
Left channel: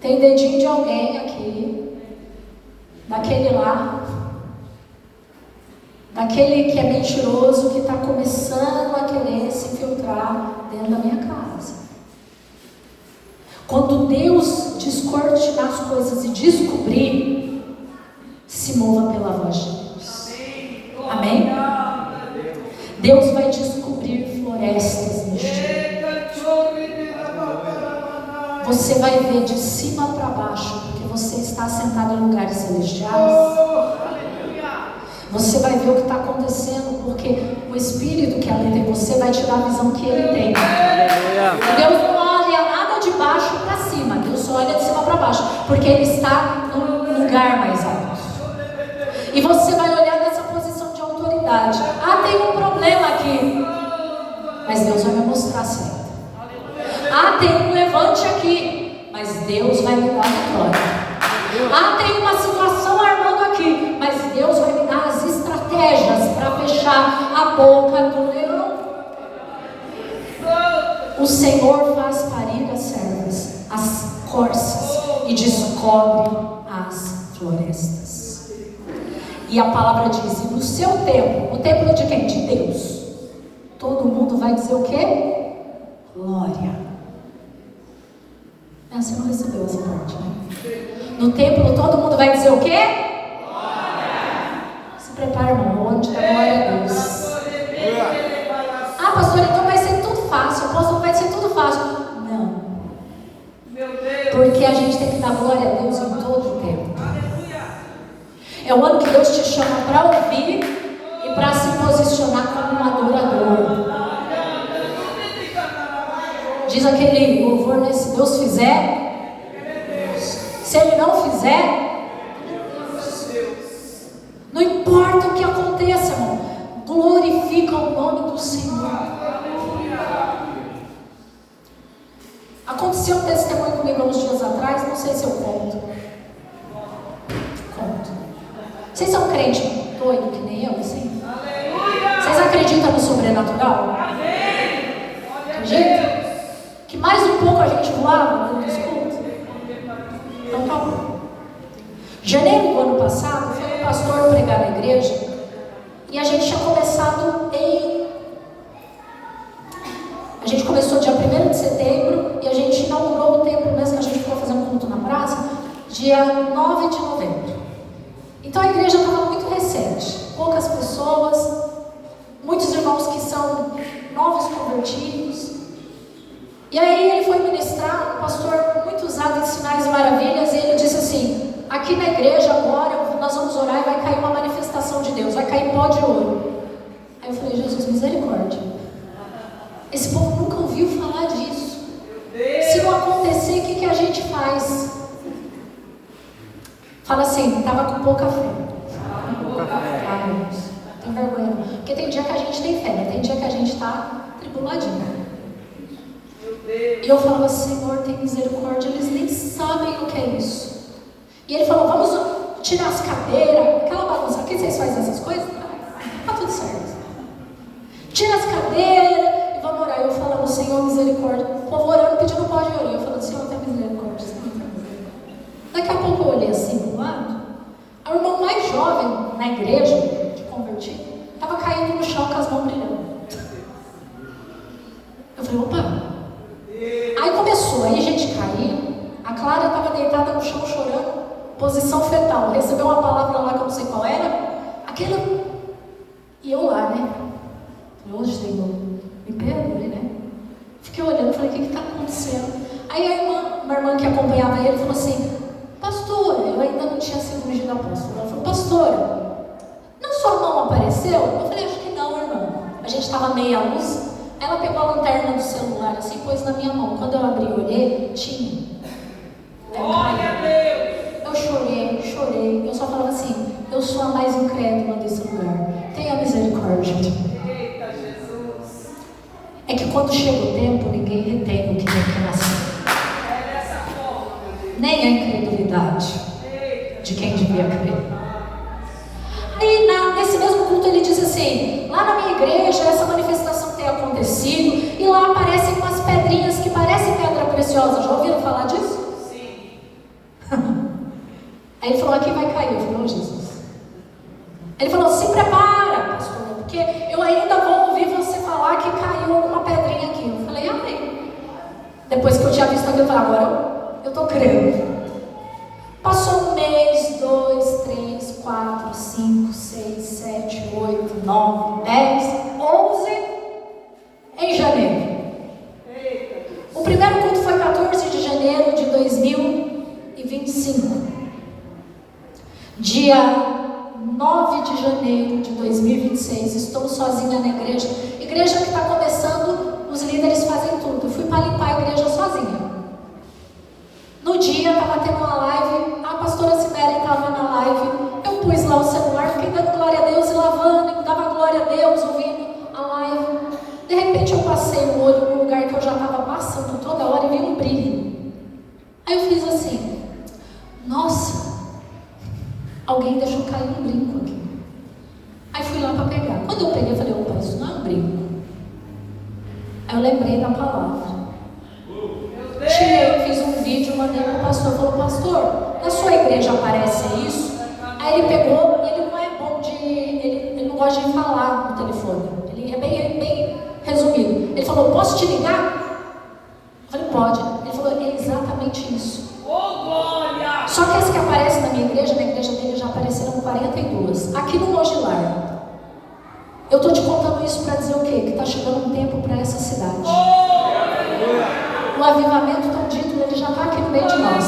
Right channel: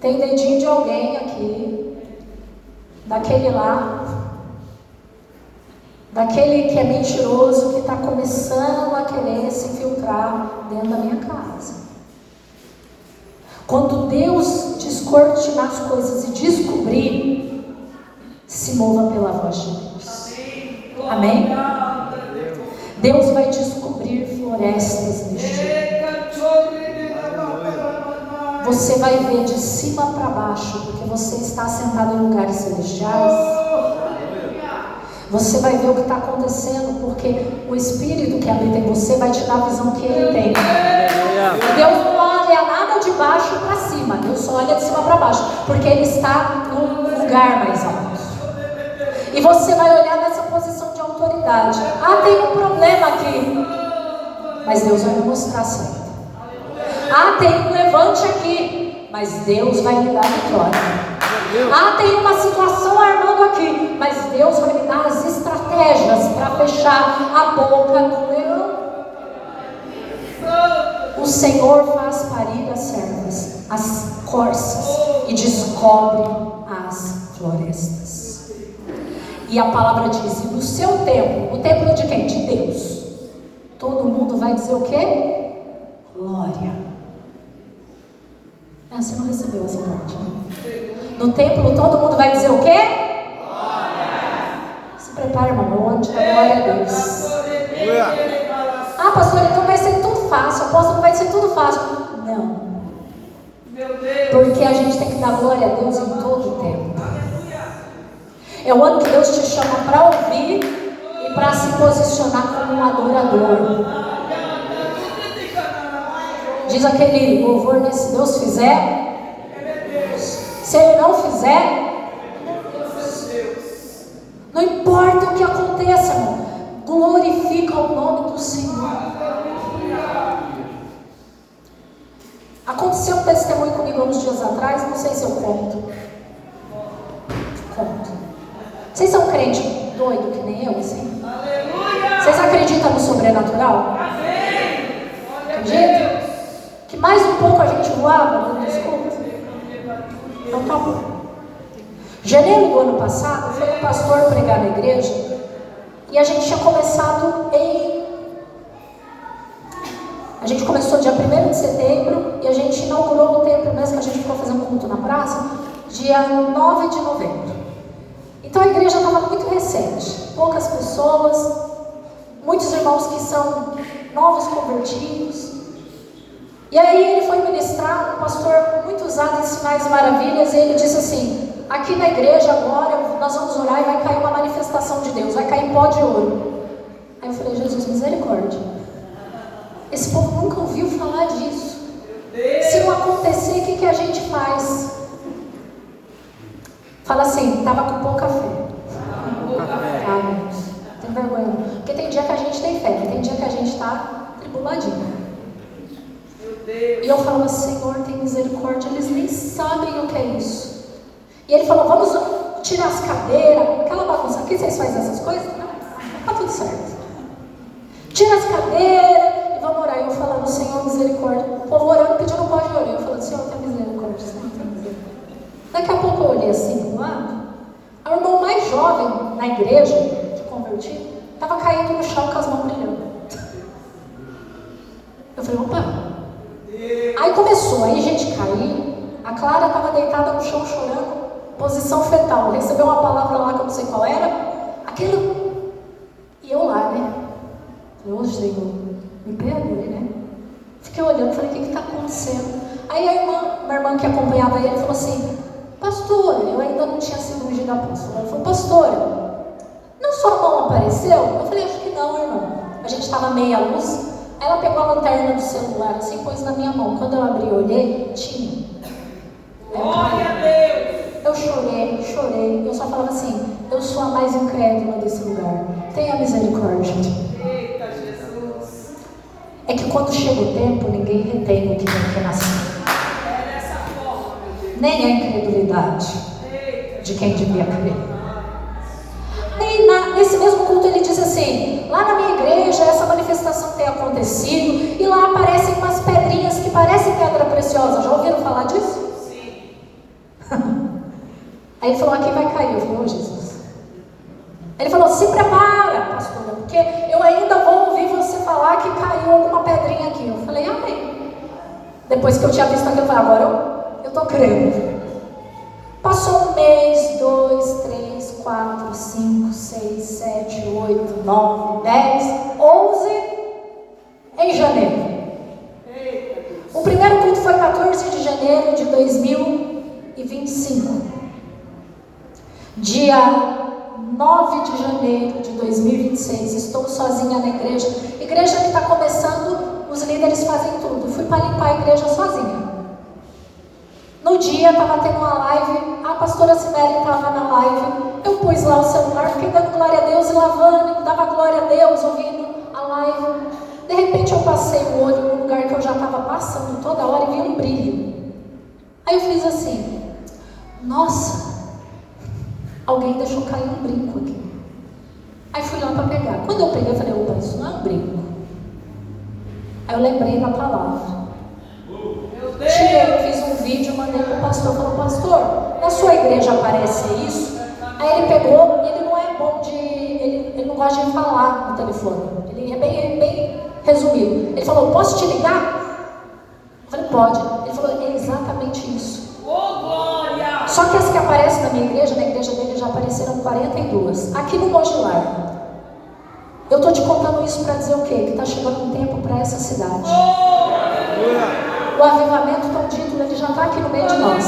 tem dedinho de alguém aqui, daquele lá, daquele que é mentiroso, que está começando a querer se infiltrar dentro da minha casa. Quando Deus descortinar as coisas e descobrir, se mova pela voz de Deus. Amém? Deus vai descobrir florestas neste ano. Você vai ver de cima para baixo, porque você está sentado em lugares celestiais. Você vai ver o que está acontecendo, porque o Espírito que habita em você vai te dar a visão que Ele tem. Deus não olha nada de baixo para cima, Deus só olha de cima para baixo, porque Ele está num lugar mais alto. E você vai olhar nessa posição de autoridade. Ah, tem um problema aqui, mas Deus vai me mostrar a saída. Ah, tem um levante aqui, mas Deus vai me dar a vitória. Ah, tem uma situação armando aqui, mas Deus vai me dar as estratégias para fechar a boca do leão. O Senhor faz parir as servas, as corças, e descobre as florestas. E a palavra diz, e no seu templo, o templo de quem? De Deus. Todo mundo vai dizer o quê? Glória. Você não recebeu essa parte, né? No templo todo mundo vai dizer o quê? Glória. Se prepara no monte, glória a Deus. Ah, pastor, então vai ser tudo fácil. Apóstolo, vai ser tudo fácil. Não. Porque a gente tem que dar glória a Deus em todo o tempo. É o ano que Deus te chama para ouvir e para se posicionar como um adorador. Diz aquele louvor, né? Se Deus fizer, se Ele não fizer, não importa o que aconteça, irmão, glorifica o nome do Senhor. Aconteceu um testemunho comigo uns dias atrás, não sei se eu conto. Vocês são crente doido que nem eu, assim? Vocês acreditam no sobrenatural? Acreditam? Que mais um pouco a gente voava no escuta? Então acabou. Janeiro do ano passado, foi um pastor pregar na igreja e a gente tinha começado A gente começou dia 1º de setembro e a gente inaugurou no templo mesmo que a gente ficou fazendo culto na praça, dia 9 de novembro. Então a igreja estava muito recente, poucas pessoas, muitos irmãos que são novos convertidos. E aí ele foi ministrar, um pastor muito usado em sinais e maravilhas, e ele disse assim, aqui na igreja agora nós vamos orar e vai cair uma manifestação de Deus, vai cair pó de ouro. Aí eu falei, Esse povo nunca ouviu falar disso. Se não acontecer, o que a gente faz? Fala assim, estava com pouca fé. Não tem vergonha não. Porque tem dia que a gente tem fé, né? Tem dia que a gente está tribuladinho. E eu falava, Senhor, tem misericórdia, eles nem sabem o que é isso. E ele falou, vamos tirar as cadeiras, aquela bagunça, aqui vocês fazem essas coisas? Tá tudo certo. Tira as cadeiras e vamos orar. Eu falava, Senhor, misericórdia. O povo orando, pedindo pode orar. Eu falava, Senhor, tem misericórdia. Daqui a pouco eu olhei assim do lado. O irmão mais jovem na igreja, de convertido, estava caindo no chão com as mãos brilhando. Eu falei, opa. Aí começou, aí gente cair. A Clara estava deitada no chão chorando, posição fetal. Recebeu uma palavra lá que eu não sei qual era. Aquele. E eu lá, né? Falei, ô Senhor, me perdoe, né? Fiquei olhando, falei, o que está acontecendo? Aí uma irmã que acompanhava ele falou assim, pastor, eu ainda não tinha sido ungida apóstola. Ela falou, pastor, não sua mão apareceu? Eu falei, acho que não, irmão. A gente estava meia luz. Ela pegou a lanterna do celular assim, pôs na minha mão. Quando eu abri e olhei, tinha. Glória a Deus! Eu chorei. Eu só falava assim, eu sou a mais incrédula desse lugar. Tenha misericórdia. Eita, Jesus! É que quando chega o tempo, ninguém retém o que tem que nascer. É dessa forma, meu Deus. Nem a incredulidade de quem devia crer. Aí nesse mesmo culto ele diz assim, lá na minha igreja essa manifestação tem acontecido e lá aparecem umas pedrinhas que parecem pedra preciosa. Já ouviram falar disso? Sim. Aí ele falou, aqui vai cair. Eu falei, oh Jesus. Ele falou, se prepara, pastor, porque eu ainda vou ouvir você falar que caiu alguma pedrinha aqui. Eu falei, amém. Depois que eu tinha visto aquilo, eu falei, agora eu estou crendo. Passou 1 mês, 2, 3, 4, 5, 6, 7, 8, 9, 10, 11 em janeiro. O primeiro culto foi 14 de janeiro de 2025. Dia 9 de janeiro de 2026, estou sozinha na igreja. Igreja que está começando, os líderes fazem tudo. Eu fui para limpar a igreja sozinha. No dia estava tendo uma live, a pastora Cibele estava na live, eu pus lá o celular, fiquei dando glória a Deus e lavando, dava glória a Deus, ouvindo a live. De repente eu passei o olho no lugar que eu já estava passando toda hora e vi um brilho. Aí eu fiz assim, nossa, alguém deixou cair um brinco aqui. Aí fui lá para pegar. Quando eu peguei, eu falei, opa, isso não é um brinco. Aí eu lembrei da palavra. Tirei, fiz um vídeo, mandei para o pastor, falou, pastor, na sua igreja aparece isso? Aí ele pegou, e ele não é bom de, ele não gosta de falar no telefone, ele é bem resumido. Ele falou, posso te ligar? Eu falei, pode. Ele falou, é exatamente isso. Glória! Só que as que aparecem na minha igreja, na igreja dele já apareceram 42. Aqui no Mogilar. Eu estou te contando isso para dizer o quê? Que está chegando um tempo para essa cidade. O avivamento tão dito, ele já está aqui no meio de nós.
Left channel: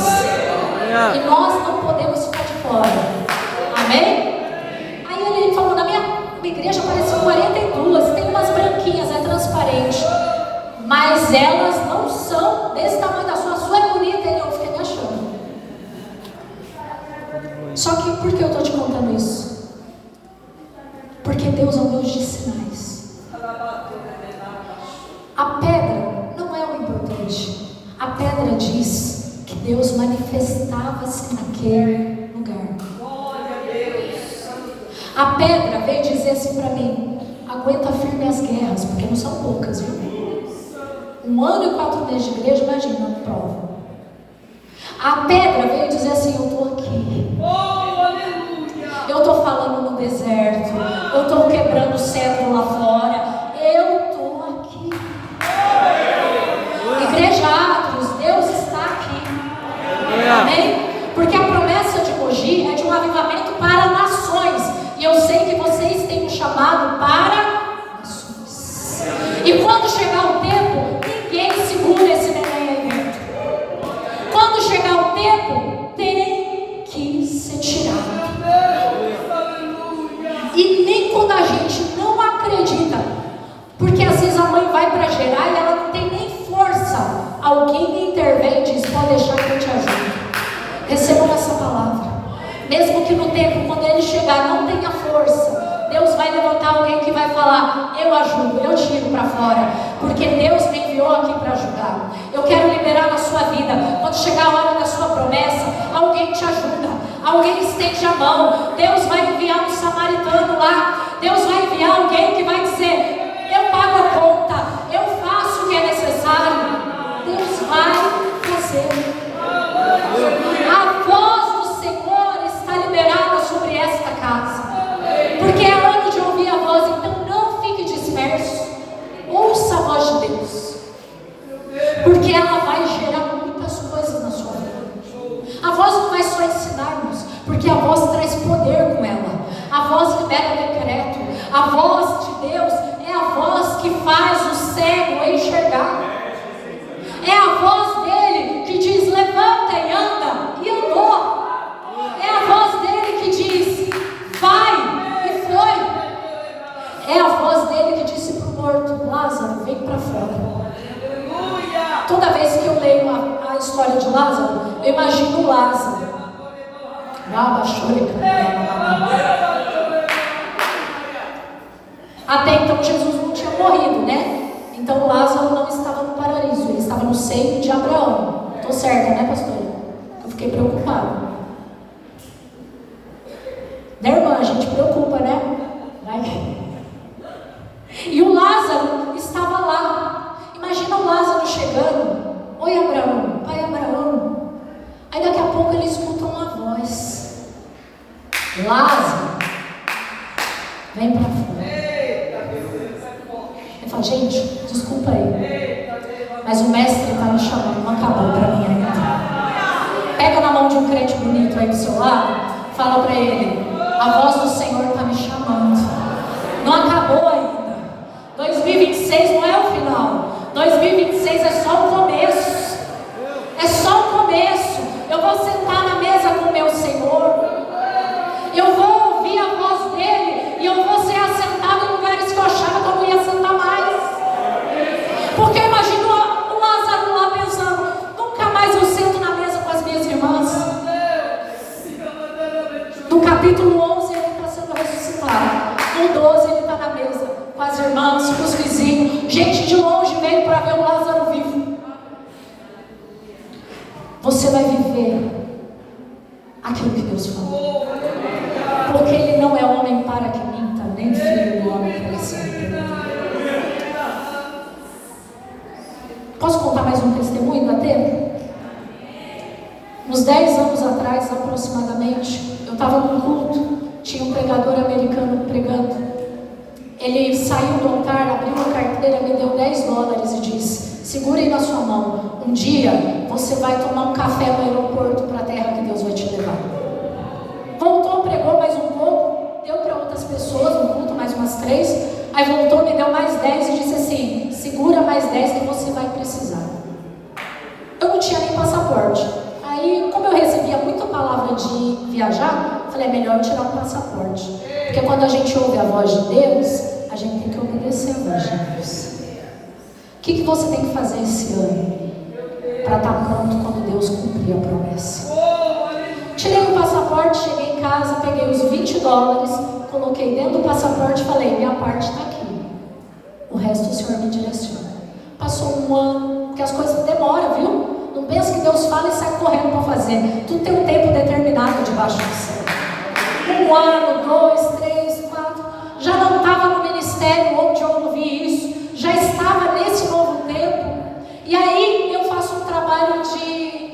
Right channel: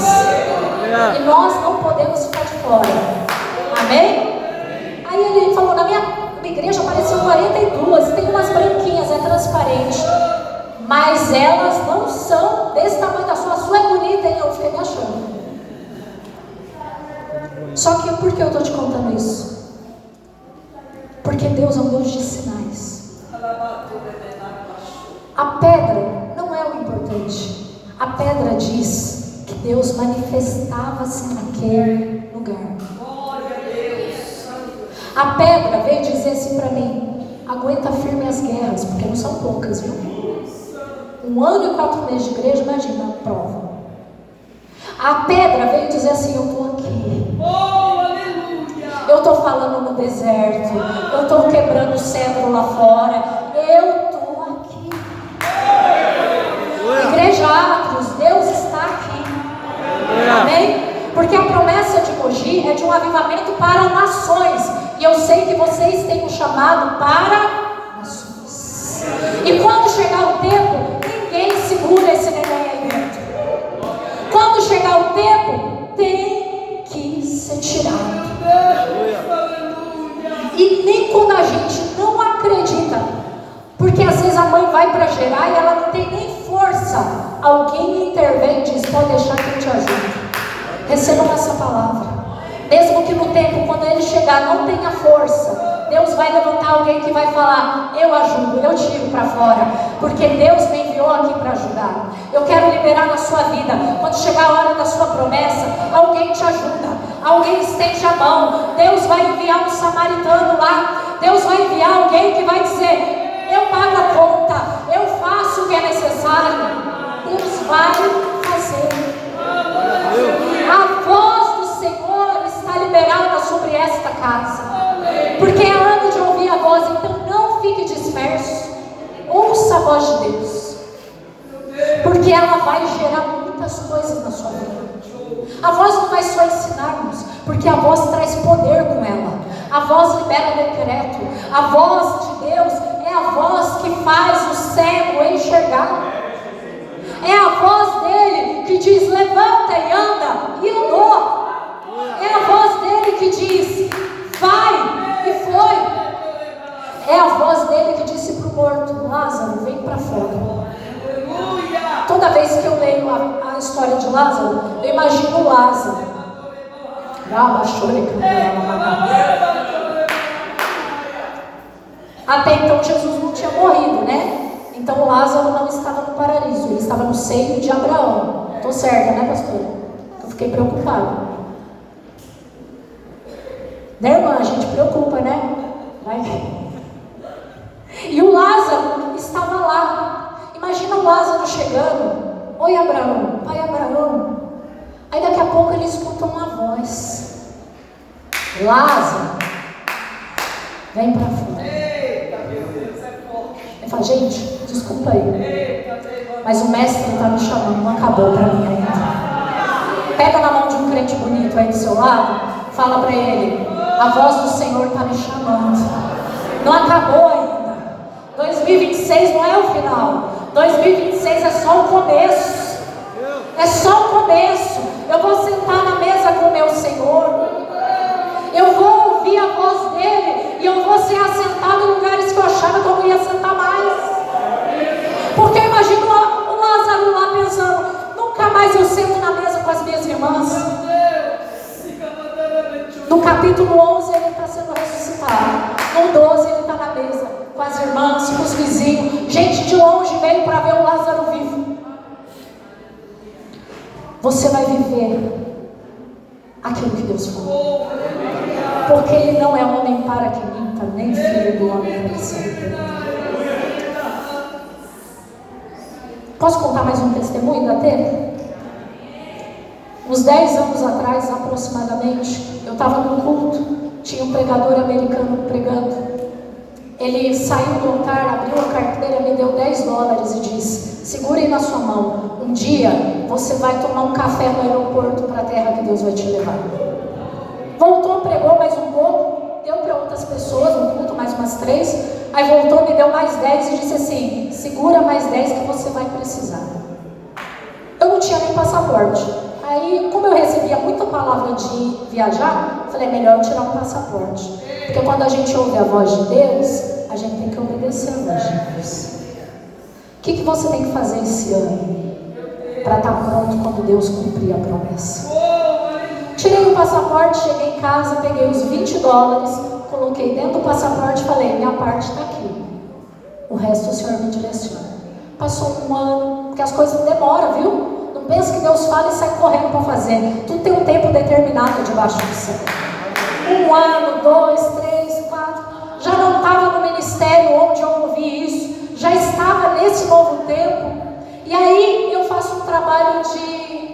E nós não podemos ficar de fora. Amém? Aí ele falou, na minha igreja apareceu 42, tem umas branquinhas, é transparente. Mas elas não são desse tamanho da sua é bonita, e eu fiquei me achando. Só que por que eu estou te contando isso? Porque Deus é um Deus de sinais. A pedra não é o importante. A pedra diz que Deus manifestava-se naquele lugar. Glória a Deus! A pedra veio dizer assim para mim, aguenta firme as guerras, porque não são poucas, viu? 1 ano e 4 meses de igreja, imagina a prova. A pedra veio dizer assim, eu estou aqui. Eu estou falando no deserto, eu estou quebrando o cedro lá fora, eu estou aqui. Igreja Atros, Deus está aqui. Amém? Porque a promessa de Mogi é de um avivamento para nações. E eu sei que vocês têm um chamado para nações. E quando chegar o tempo, ninguém segura esse evento. Quando chegar o tempo, tem que ser tirado. E nem quando a gente não acredita, porque às vezes a mãe vai para gerar chegar, não tenha força, Deus vai levantar alguém que vai falar: eu ajudo, eu tiro para fora, porque Deus me enviou aqui para ajudar. Eu quero liberar na sua vida, quando chegar a hora da sua promessa, alguém te ajuda, alguém estende a mão. Deus vai enviar um samaritano lá, Deus vai enviar alguém que vai dizer: eu pago a conta, eu faço o que é necessário. Deus vai fazer. A voz do Senhor está liberada sobre esta casa, porque é ano de ouvir a voz. Então não fique disperso, ouça a voz de Deus, porque ela vai gerar muitas coisas na sua vida. A voz não vai só ensinar-nos, porque a voz traz poder com ela. A voz libera decreto. A voz de Deus é a voz que faz o cego enxergar. É a voz dele que diz: levanta e anda, e andou. É a voz dele que diz: vai, e foi. É a voz dele que disse para o morto: Lázaro, vem para fora. Toda vez que eu leio a história de Lázaro, eu imagino Lázaro. Até então Jesus não tinha morrido, né? Então Lázaro não estava no paraíso, ele estava no seio de Abraão. Estou certa, né, pastora? Eu fiquei preocupada. Né, irmã? A gente preocupa, né? E o Lázaro estava lá. Imagina o Lázaro chegando: oi, Abraão, pai Abraão. Aí daqui a pouco ele escuta uma voz: Lázaro, vem para fora. Ele fala: gente, desculpa aí, mas o mestre está me chamando, não acabou para mim ainda. Pega na mão de um crente bonito aí do seu lado, fala para ele: a voz do Senhor está me chamando. Não acabou ainda. 2026 não é o final. 2026 é só o começo. É só o começo. Eu vou sentar na mesa com o meu Senhor. Eu vou ouvir a voz dele. E eu vou ser assentado em lugares que eu achava que eu não ia sentar mais. Porque imagina o Lázaro lá pensando: nunca mais eu sento na mesa com as minhas irmãs. No capítulo 11 ele está sendo ressuscitado. No 12 ele está na mesa com as irmãs, com os vizinhos. Gente de longe veio para ver o Lázaro vivo. Você vai viver aquilo que Deus falou, porque ele não é homem para que minta, nem filho do homem para que se arrependa. Posso contar mais um testemunho? Dá tempo? Uns 10 anos atrás, aproximadamente, eu estava num culto, tinha um pregador americano pregando. Ele saiu do altar, abriu a carteira, me deu $10 e disse: segure na sua mão, um dia você vai tomar um café no aeroporto para a terra que Deus vai te levar. Voltou, pregou mais um pouco, deu para outras pessoas, um culto mais umas 3, aí voltou, me deu mais 10 e disse assim: segura mais 10 que você vai precisar. Eu não tinha nem passaporte. Aí, como eu recebia muita palavra de viajar, falei: é melhor eu tirar o passaporte. Porque quando a gente ouve a voz de Deus, a gente tem que obedecer a voz de Deus. O que você tem que fazer esse ano para estar pronto quando Deus cumprir a promessa? Tirei o passaporte, cheguei em casa, peguei os $20, coloquei dentro do passaporte e falei: minha parte está aqui. O resto o Senhor me direciona. Passou um ano, porque as coisas demoram, viu? Não pensa que Deus fala e sai correndo para fazer. Tudo tem um tempo determinado debaixo do céu. 1 ano, 2, 3, 4. Já não estava no ministério onde eu ouvi isso. Já estava nesse novo tempo. E aí eu faço um trabalho de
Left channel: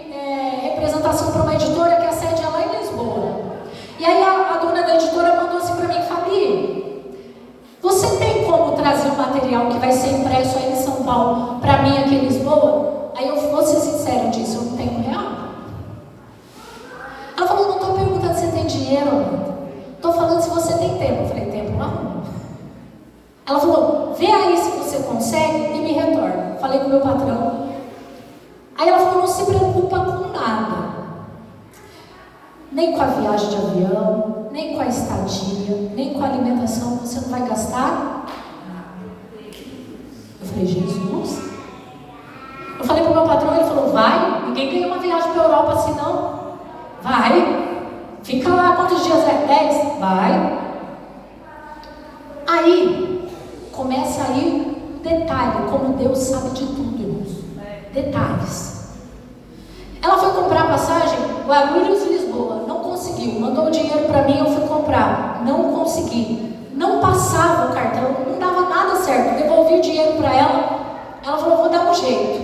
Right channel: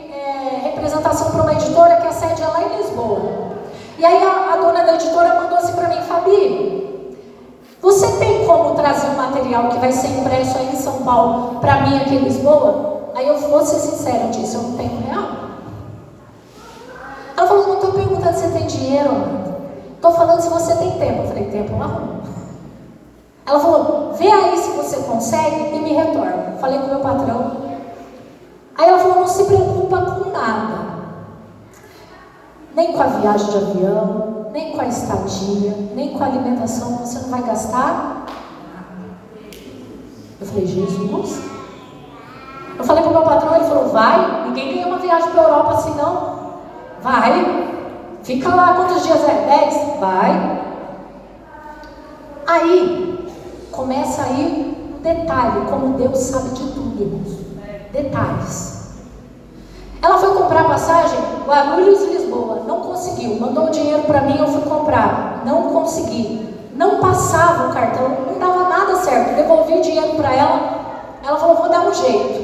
representação para uma editora que a sede é lá em Lisboa. E aí a dona da editora mandou assim para mim: Fabi, você tem como trazer um material que vai ser impresso aí em São Paulo para mim aqui em Lisboa? Aí eu vou ser sincero, disse: eu não tenho real. Ela falou: não estou perguntando se você tem dinheiro, estou falando se você tem tempo. Eu falei: tempo não. Ela falou: vê aí se você consegue e me retorna. Falei com o meu patrão. Aí ela falou: não se preocupa com nada, nem com a viagem de avião, nem com a estadia, nem com a alimentação, você não vai gastar. Eu falei: Jesus. Eu falei para o meu patrão, ele falou: vai, ninguém ganha uma viagem para a Europa assim não. Fica lá, quantos dias é? 10? Vai. Aí, começa aí o detalhe, como Deus sabe de tudo, irmãos. Detalhes. Ela foi comprar passagem, Guarulhos e Lisboa, não conseguiu. Mandou o dinheiro para mim, eu fui comprar. Não consegui. Não passava o cartão, não dava nada certo. Devolvi o dinheiro para ela. Ela falou, vou dar um jeito.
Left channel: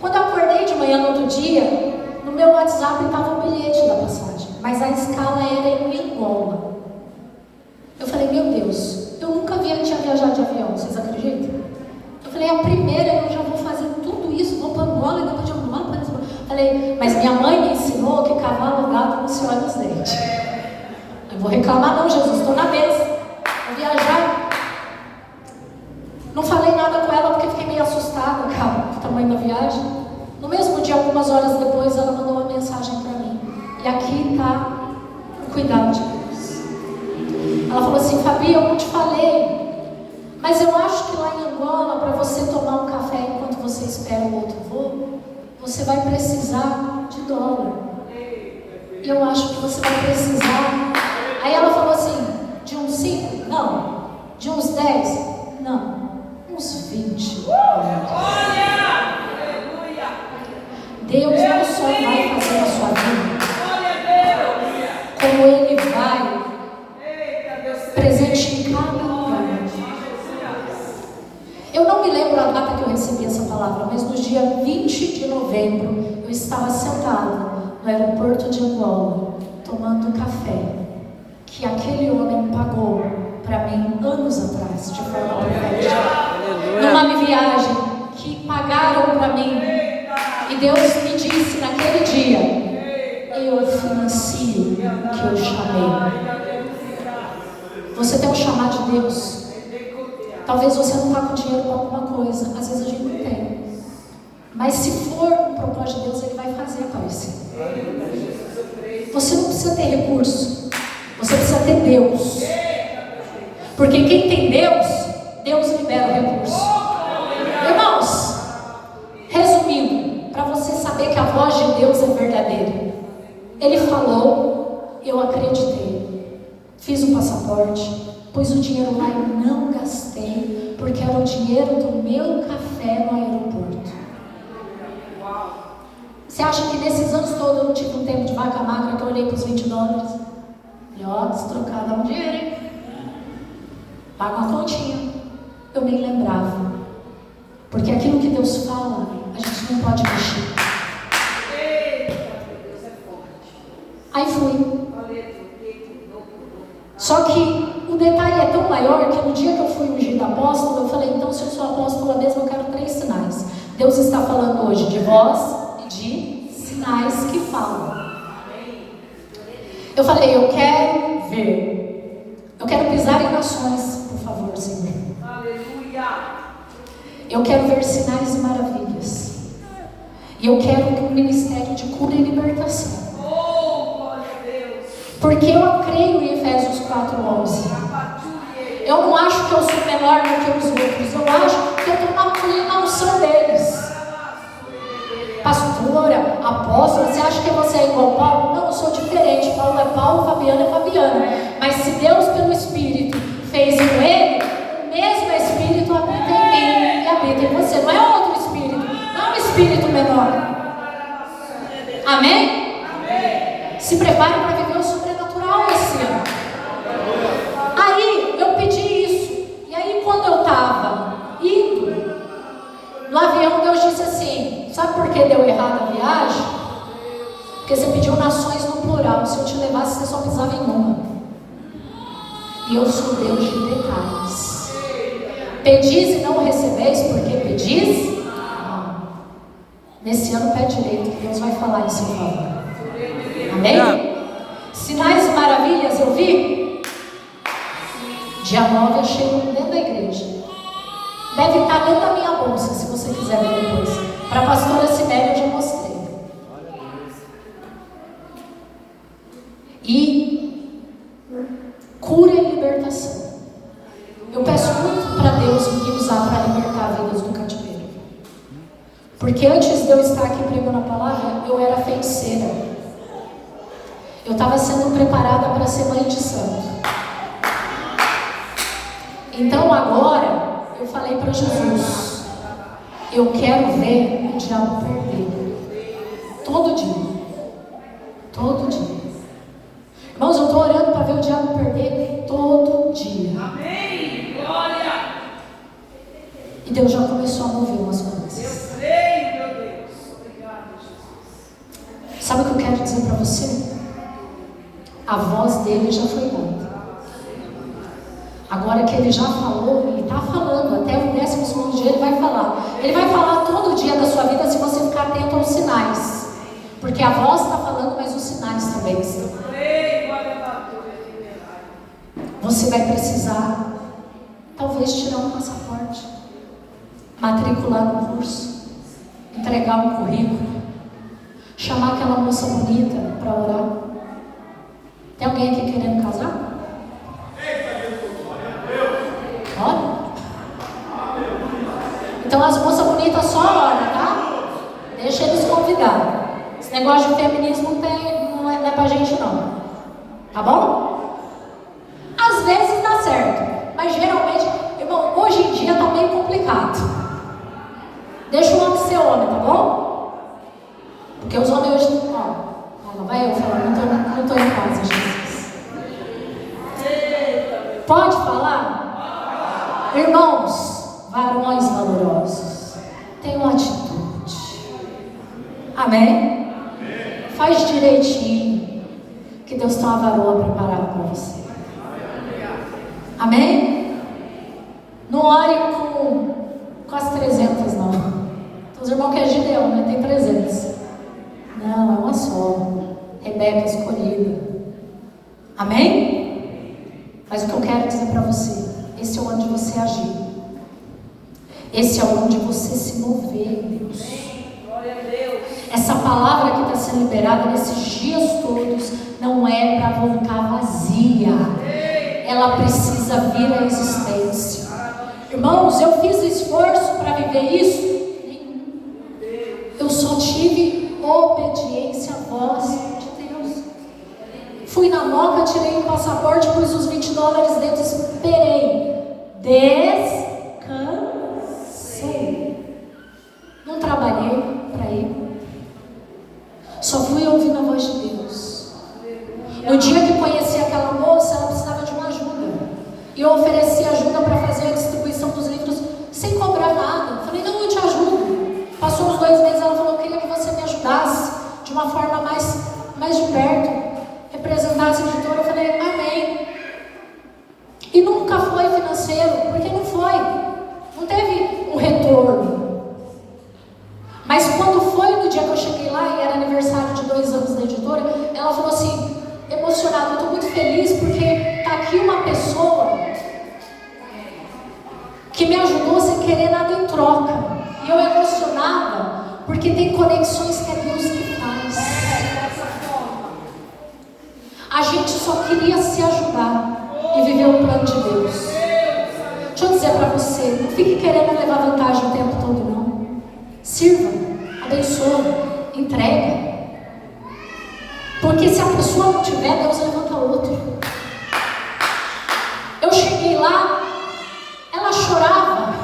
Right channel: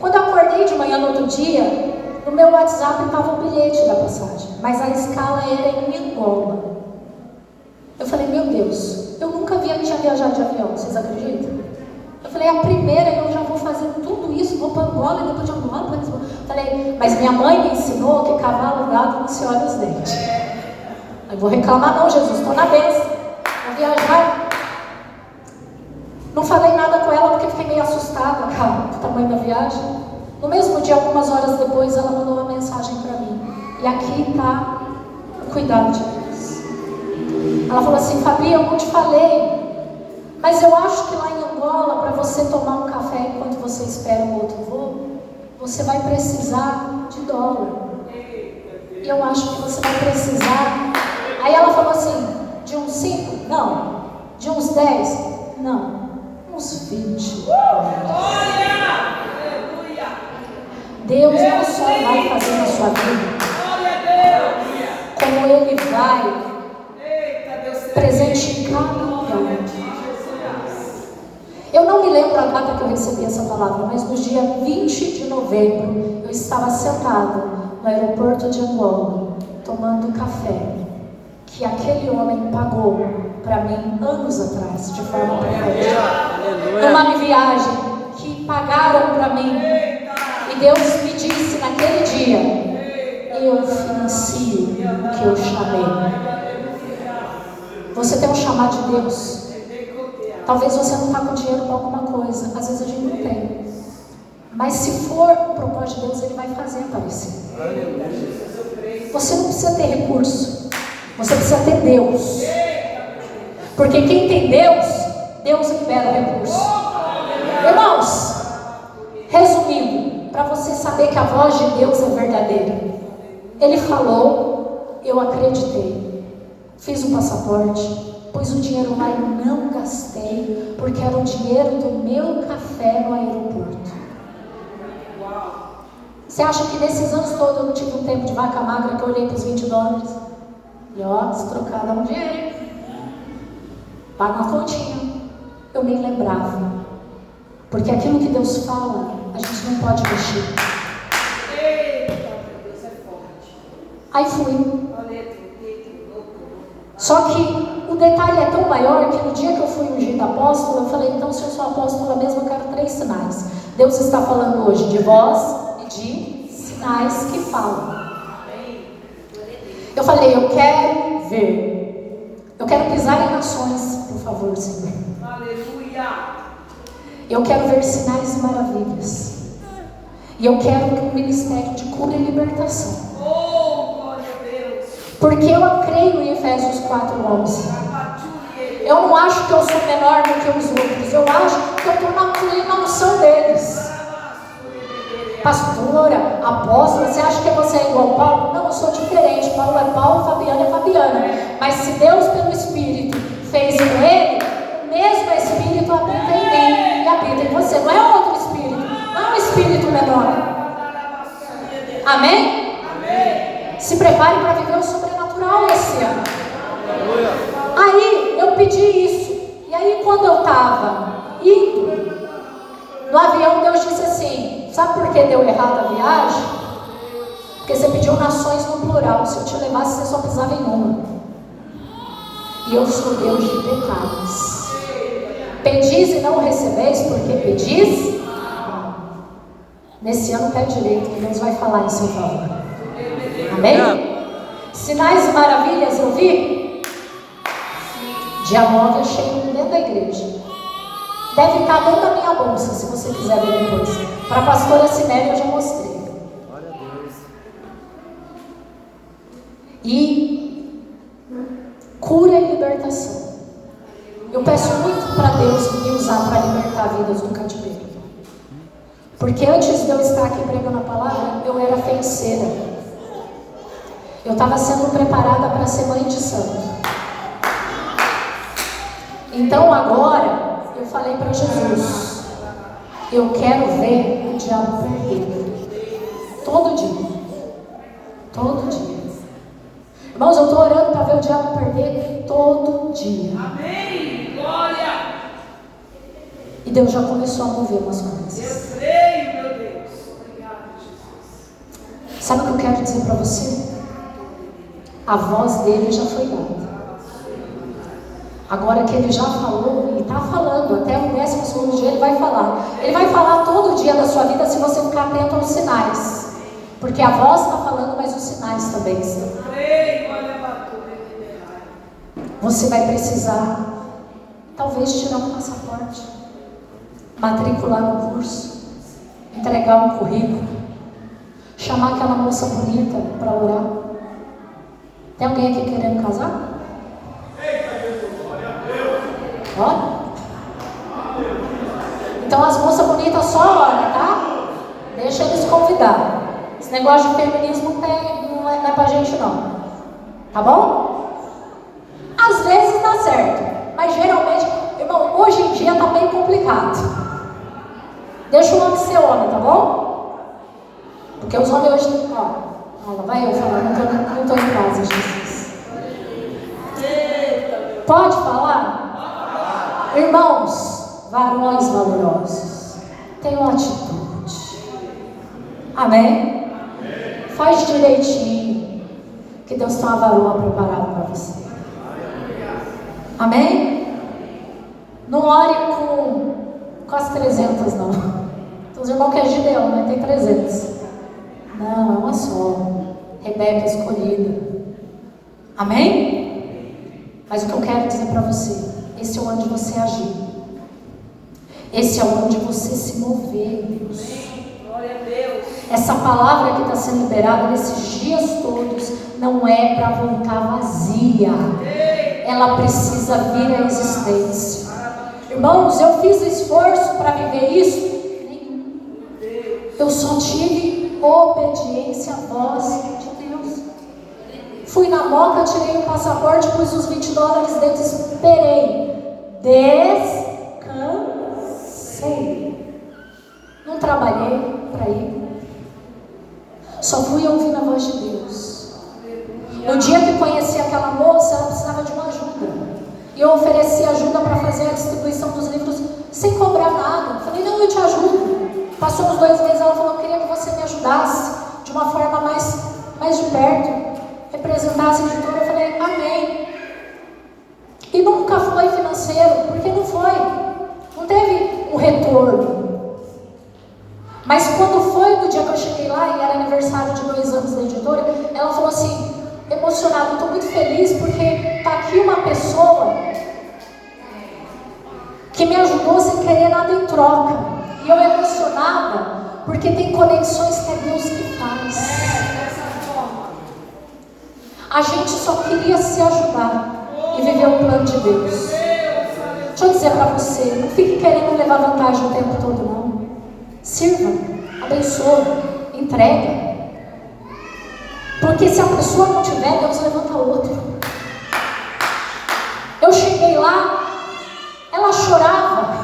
Quando eu acordei de manhã no outro dia, no meu WhatsApp estava o bilhete da passagem, mas a escala era em Angola. Eu falei, meu Deus, eu nunca tinha viajado de avião, vocês acreditam? Eu falei, a primeira eu já vou fazer tudo isso, vou para Angola, depois de Angola para Lisboa. Falei, mas minha mãe me ensinou que cavalo gato não se olha os dentes. Eu vou reclamar não, Jesus, estou na mesa, vou viajar. Não falei nada com ela porque fiquei meio assustada, cara, com o tamanho da viagem. No mesmo dia, algumas horas depois, ela mandou uma mensagem para mim. E aqui está o cuidado de Deus. Ela falou assim, Fabi, eu não te falei, mas eu acho que lá em Angola, para você tomar um café enquanto você espera o outro voo, você vai precisar de dólar. E eu acho que você vai precisar. Aí ela falou assim, de uns 5? Não. De uns 10? Não. Uns 20. Deus não só vai fazer na sua vida, como Ele vai presentear cada um. Eu não me lembro a data que eu recebi essa palavra, mas no dia 20 de novembro, eu estava sentada no aeroporto de Angola, tomando café, que aquele homem pagou para mim anos atrás, de forma profética. Uma viagem que pagaram para mim. E Deus me disse naquele dia, eu financio o que eu chamei. Você tem um chamado de Deus. Talvez você não está com dinheiro para alguma coisa, às vezes a gente não tem. Mas se for um propósito de Deus, Ele vai fazer aparecer. Você não precisa ter recurso, você precisa ter Deus. Porque quem tem Deus, Deus libera recurso. Irmãos, resumindo, para você saber que a voz de Deus é verdadeira. Ele falou, eu acreditei, fiz um passaporte, pus o dinheiro lá e não gastei, porque era o dinheiro do meu café no aeroporto. Você acha que nesses anos todos eu não tive um tempo de vaca magra que eu olhei para os $20? E ó, se trocar dá um dinheiro, paga uma continha. Eu nem lembrava, porque aquilo que Deus fala, a gente não pode mexer. Aí fui. Só que o detalhe é tão maior que no dia que eu fui ungida apóstola, eu falei, então se eu sou apóstola mesmo, eu quero 3 sinais. Deus está falando hoje de voz e de sinais que falam. Eu falei, eu quero ver. Eu quero pisar em nações, por favor, Senhor. Eu quero ver sinais e maravilhas. E eu quero um ministério de cura e libertação. Porque eu creio em Efésios 4:11. Eu não acho que eu sou menor do que os outros. Eu acho que eu estou na unção deles. Pastora, apóstola, você acha que você é igual a Paulo? Não, eu sou diferente. Paulo é Paulo, Fabiana é Fabiana. Mas se Deus, pelo Espírito, fez com ele, o mesmo Espírito habita em mim e habita em você. Não é outro Espírito, não é um Espírito menor. Amém? Se prepare para viver o sobrenatural esse ano. Aí eu pedi isso. E aí quando eu estava indo no avião, Deus disse assim, sabe por que deu errado a viagem? Porque você pediu nações no plural. Se eu te levasse, você só pisava em uma. E eu sou Deus de detalhes. Pedis e não recebeis, porque pedis? Nesse ano pede direito, que Deus vai falar em seu favor. Amém? Sinais e maravilhas eu vi. Dia 9 eu chego dentro da igreja. Deve estar dentro da minha bolsa, se você quiser ver depois. Para a pastora Siméria eu já mostrei. E cura e libertação. Eu peço muito para Deus me usar para libertar vidas do cativeiro. Porque antes de eu estar aqui pregando a palavra, eu era feiticeira. Eu estava sendo preparada para ser mãe de santo. Então agora eu falei para Jesus: eu quero ver o diabo perder. Todo dia. Todo dia. Irmãos, eu estou orando para ver o diabo perder todo dia. Amém. Glória. E Deus já começou a mover umas coisas. Eu creio, meu Deus. Obrigada, Jesus. Sabe o que eu quero dizer para você? A voz dele já foi dada. Agora que ele já falou e está falando, até o 12º dia ele vai falar. Ele vai falar todo dia da sua vida se você ficar atento aos sinais. Porque a voz está falando, mas os sinais também estão. Você vai precisar, talvez, tirar um passaporte, matricular um curso, entregar um currículo, chamar aquela moça bonita para orar. Tem alguém aqui querendo casar? Ó. Então as moças bonitas só oram, tá? Deixa eles convidar. Esse negócio de feminismo não é pra gente não. Tá bom? Às vezes dá certo, mas geralmente, irmão, hoje em dia tá bem complicado. Deixa o homem ser homem, tá bom? Porque os homens hoje não. Vai eu falar, não tô em casa, Jesus. Pode falar? Irmãos, varões valorosos, tenham atitude. Amém? Faz direitinho, que Deus tem uma varoa preparada para você. Amém? Não ore com as 300, não. Então, os irmãos que é Gideão, né? Tem 300. Não, é uma só. Rebeca escolhida. Amém? Mas o que eu quero dizer para você, esse é onde você agir. Esse é onde você se mover, Deus. Glória a Deus. Essa palavra que está sendo liberada nesses dias todos não é para voltar vazia. Ela precisa vir à existência. Irmãos, eu fiz esforço para viver isso. Eu só tive obediência à voz de Deus. Fui na moca, tirei o passaporte, pus os $20 dentro, esperei. Descansei. Não trabalhei para ir. Só fui ouvindo a voz de Deus. No dia que conheci aquela moça, ela precisava de uma ajuda. E eu ofereci ajuda para fazer a distribuição dos livros sem cobrar nada. Falei, não, eu te ajudo. Passou uns 2 meses, ela falou, eu queria que você me ajudasse de uma forma mais de perto. Representasse a editora. Eu falei, amém. E nunca foi financeiro, porque não foi. Não teve um retorno. Mas quando foi no dia que eu cheguei lá, e era aniversário de 2 anos da editora, ela falou assim, emocionada, eu estou muito feliz porque está aqui uma pessoa que me ajudou sem querer nada em troca. E eu emocionada porque tem conexões que é Deus que faz. A gente só queria se ajudar e viver o plano de Deus. Deixa eu dizer para você, não fique querendo levar vantagem o tempo todo, não. Sirva, abençoe, entrega. Porque se a pessoa não tiver, Deus levanta outro. Eu cheguei lá, ela chorava.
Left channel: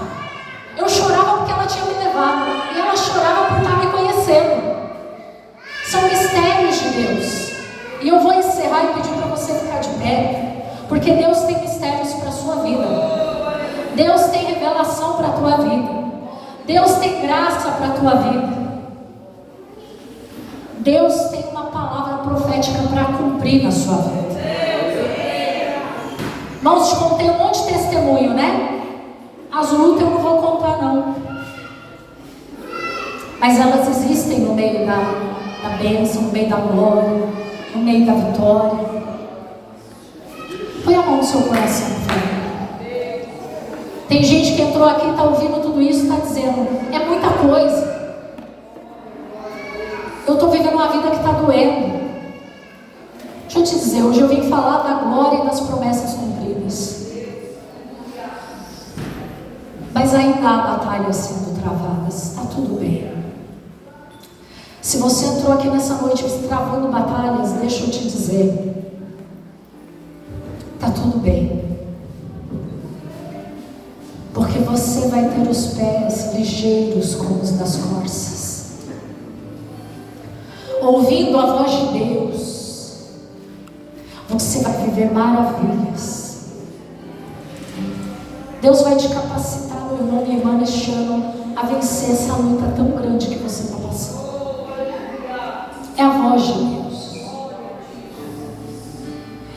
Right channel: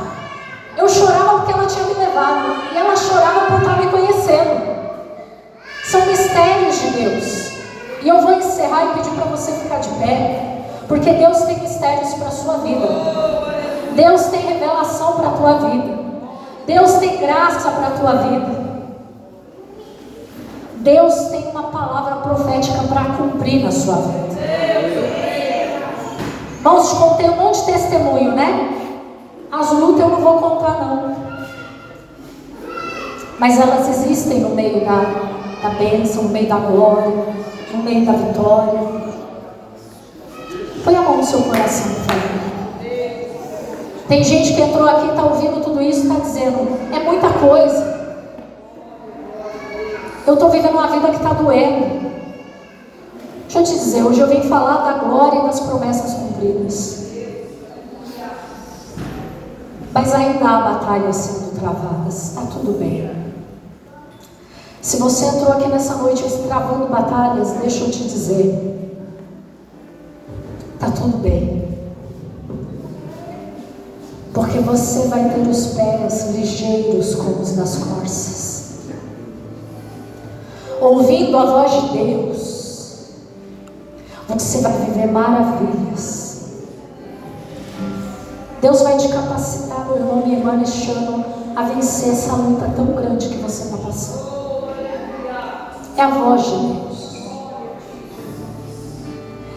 Eu chorava porque ela tinha me levado. E ela chorava por estar me conhecendo. São mistérios de Deus. E eu vou encerrar e pedir para você ficar de pé. Porque Deus tem mistérios para a sua vida. Deus tem revelação para a tua vida. Deus tem graça para a tua vida. Deus tem uma palavra profética para cumprir na sua vida. Irmãos, te contei um monte de testemunho, né? As lutas eu não vou contar, não. Mas elas existem no meio da bênção, no meio da glória, no meio da vitória. Põe a mão no seu coração, filho. Tem gente que entrou aqui, está ouvindo tudo isso e está dizendo, é muita coisa. Eu estou vivendo uma vida que está doendo. Deixa eu te dizer, hoje eu vim falar da glória e das promessas cumpridas. Mas ainda há batalhas sendo travadas. Está tudo bem. Se Se você entrou aqui nessa noite travando batalhas, deixa eu te dizer, está tudo bem. Porque você vai ter os pés ligeiros como os das corças. Ouvindo a voz de Deus, você vai viver maravilhas. Deus vai te capacitar, meu irmão, minha irmã, neste ano, a vencer essa luta tão grande que você está passando. É a voz de Deus.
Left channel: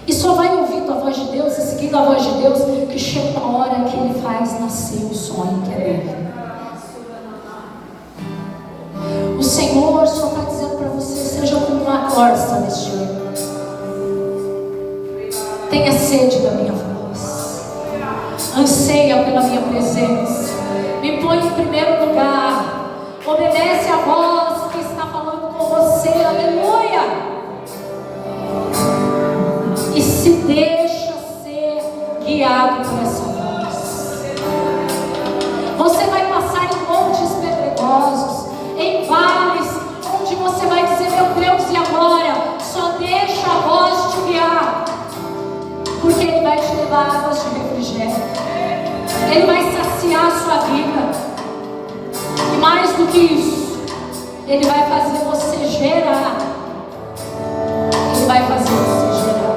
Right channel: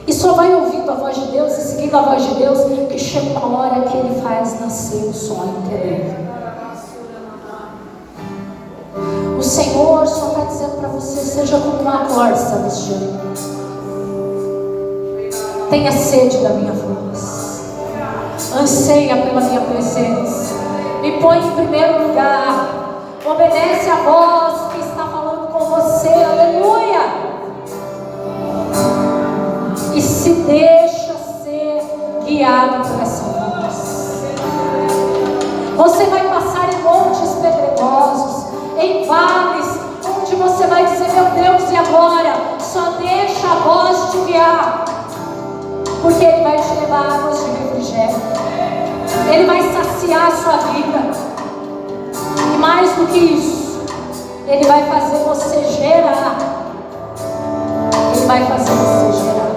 E só vai ouvindo a voz de Deus e seguindo a voz de Deus que chega uma hora que Ele faz nascer o sonho que é dele. O Senhor só está dizendo para você, seja como uma corça neste ano. Tenha sede da minha voz. Anseia pela minha presença. Me põe em primeiro lugar. Obedece a voz que está falando com você. Aleluia. E se deixa ser guiado por essa voz. Você vai passar em montes pedregosos, em vales, onde você vai dizer, meu Deus, e agora? Só deixa a voz te guiar. Porque Ele vai te levar a águas de refrigério. Ele vai saciar a sua vida. E mais do que isso, Ele vai fazer você gerar. Ele vai fazer você gerar.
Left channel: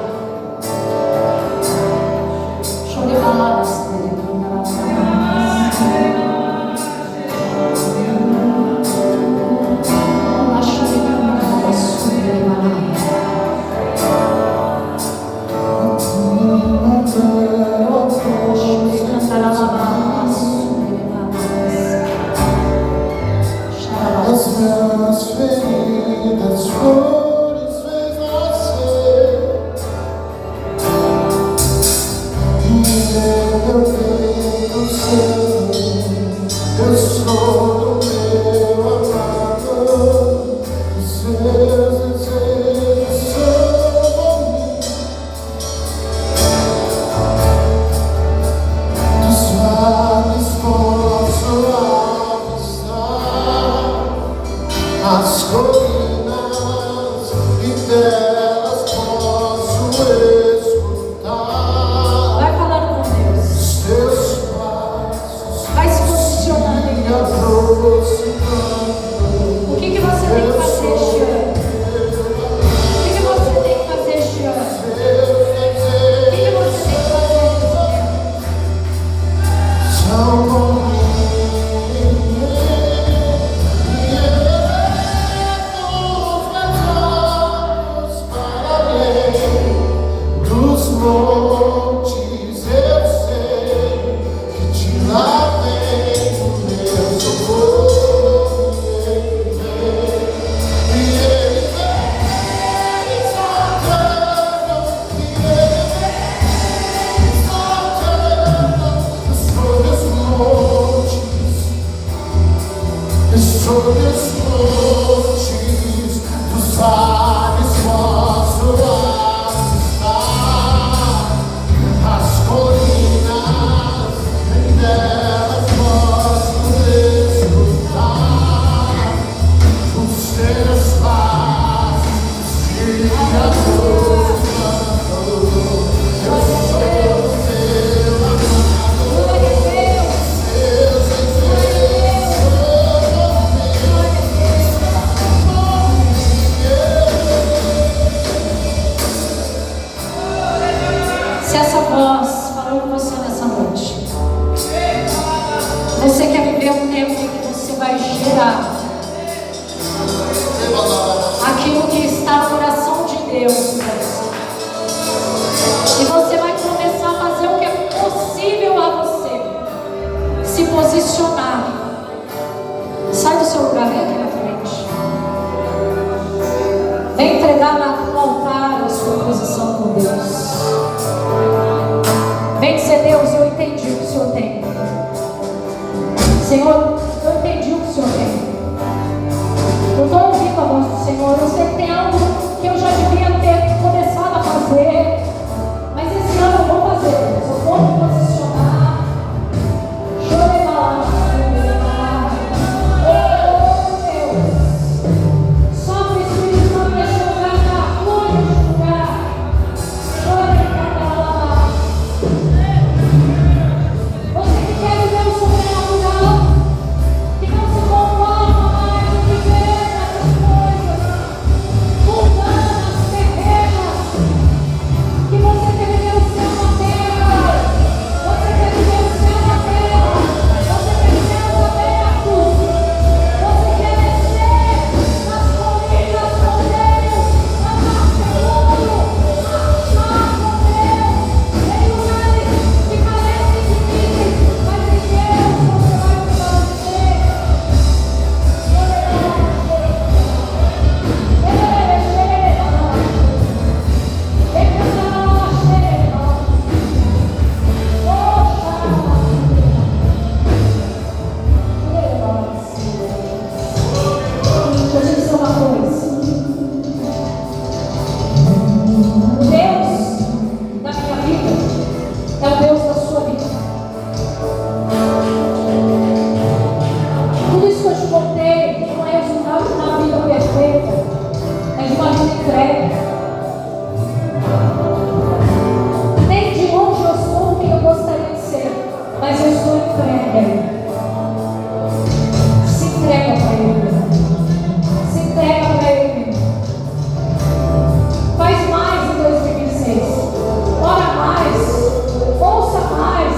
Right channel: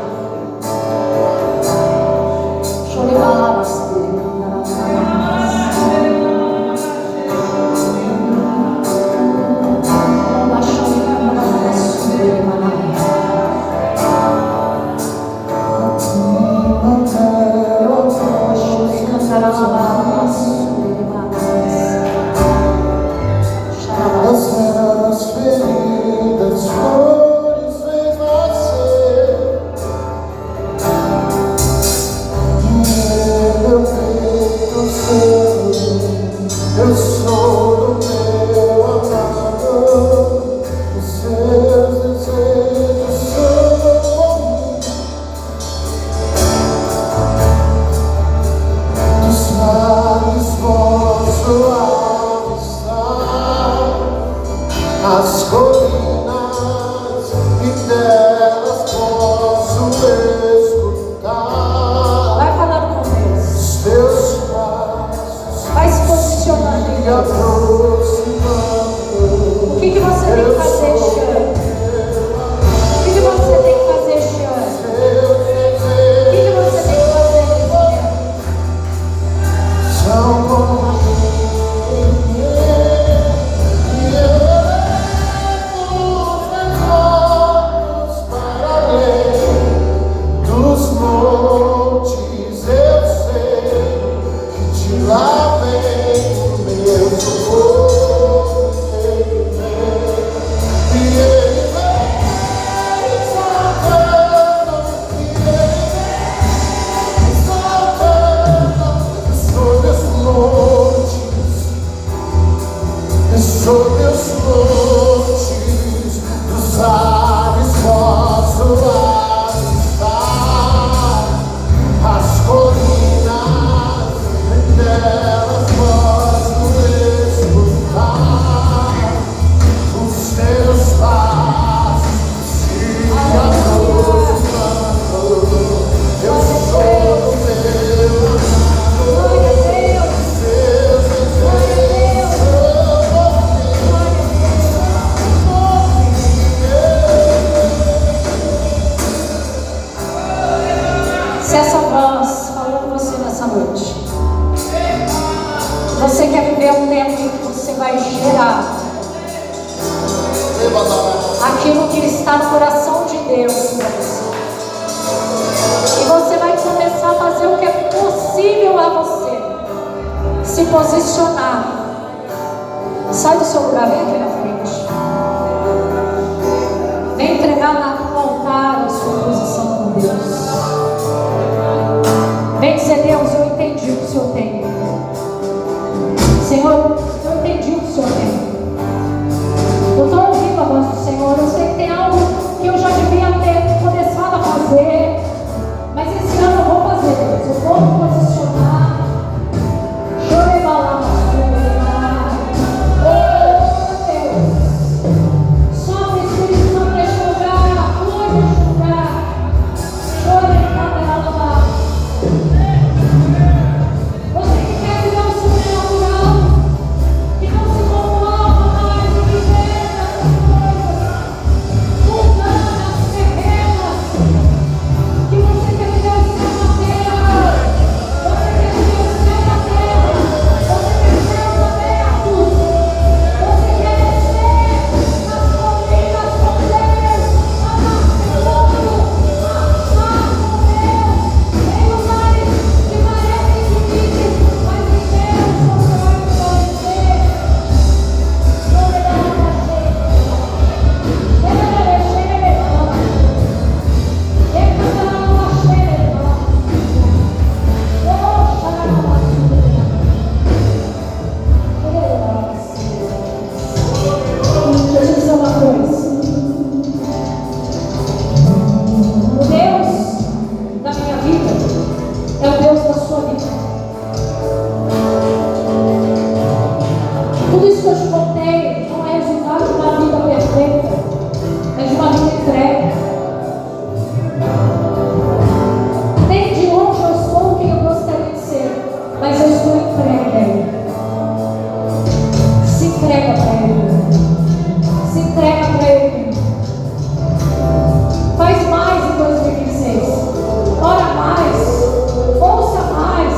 entrega para Ele. Se entrega para Ele. Faz mais em 2026. Ora mais. Ouça mais.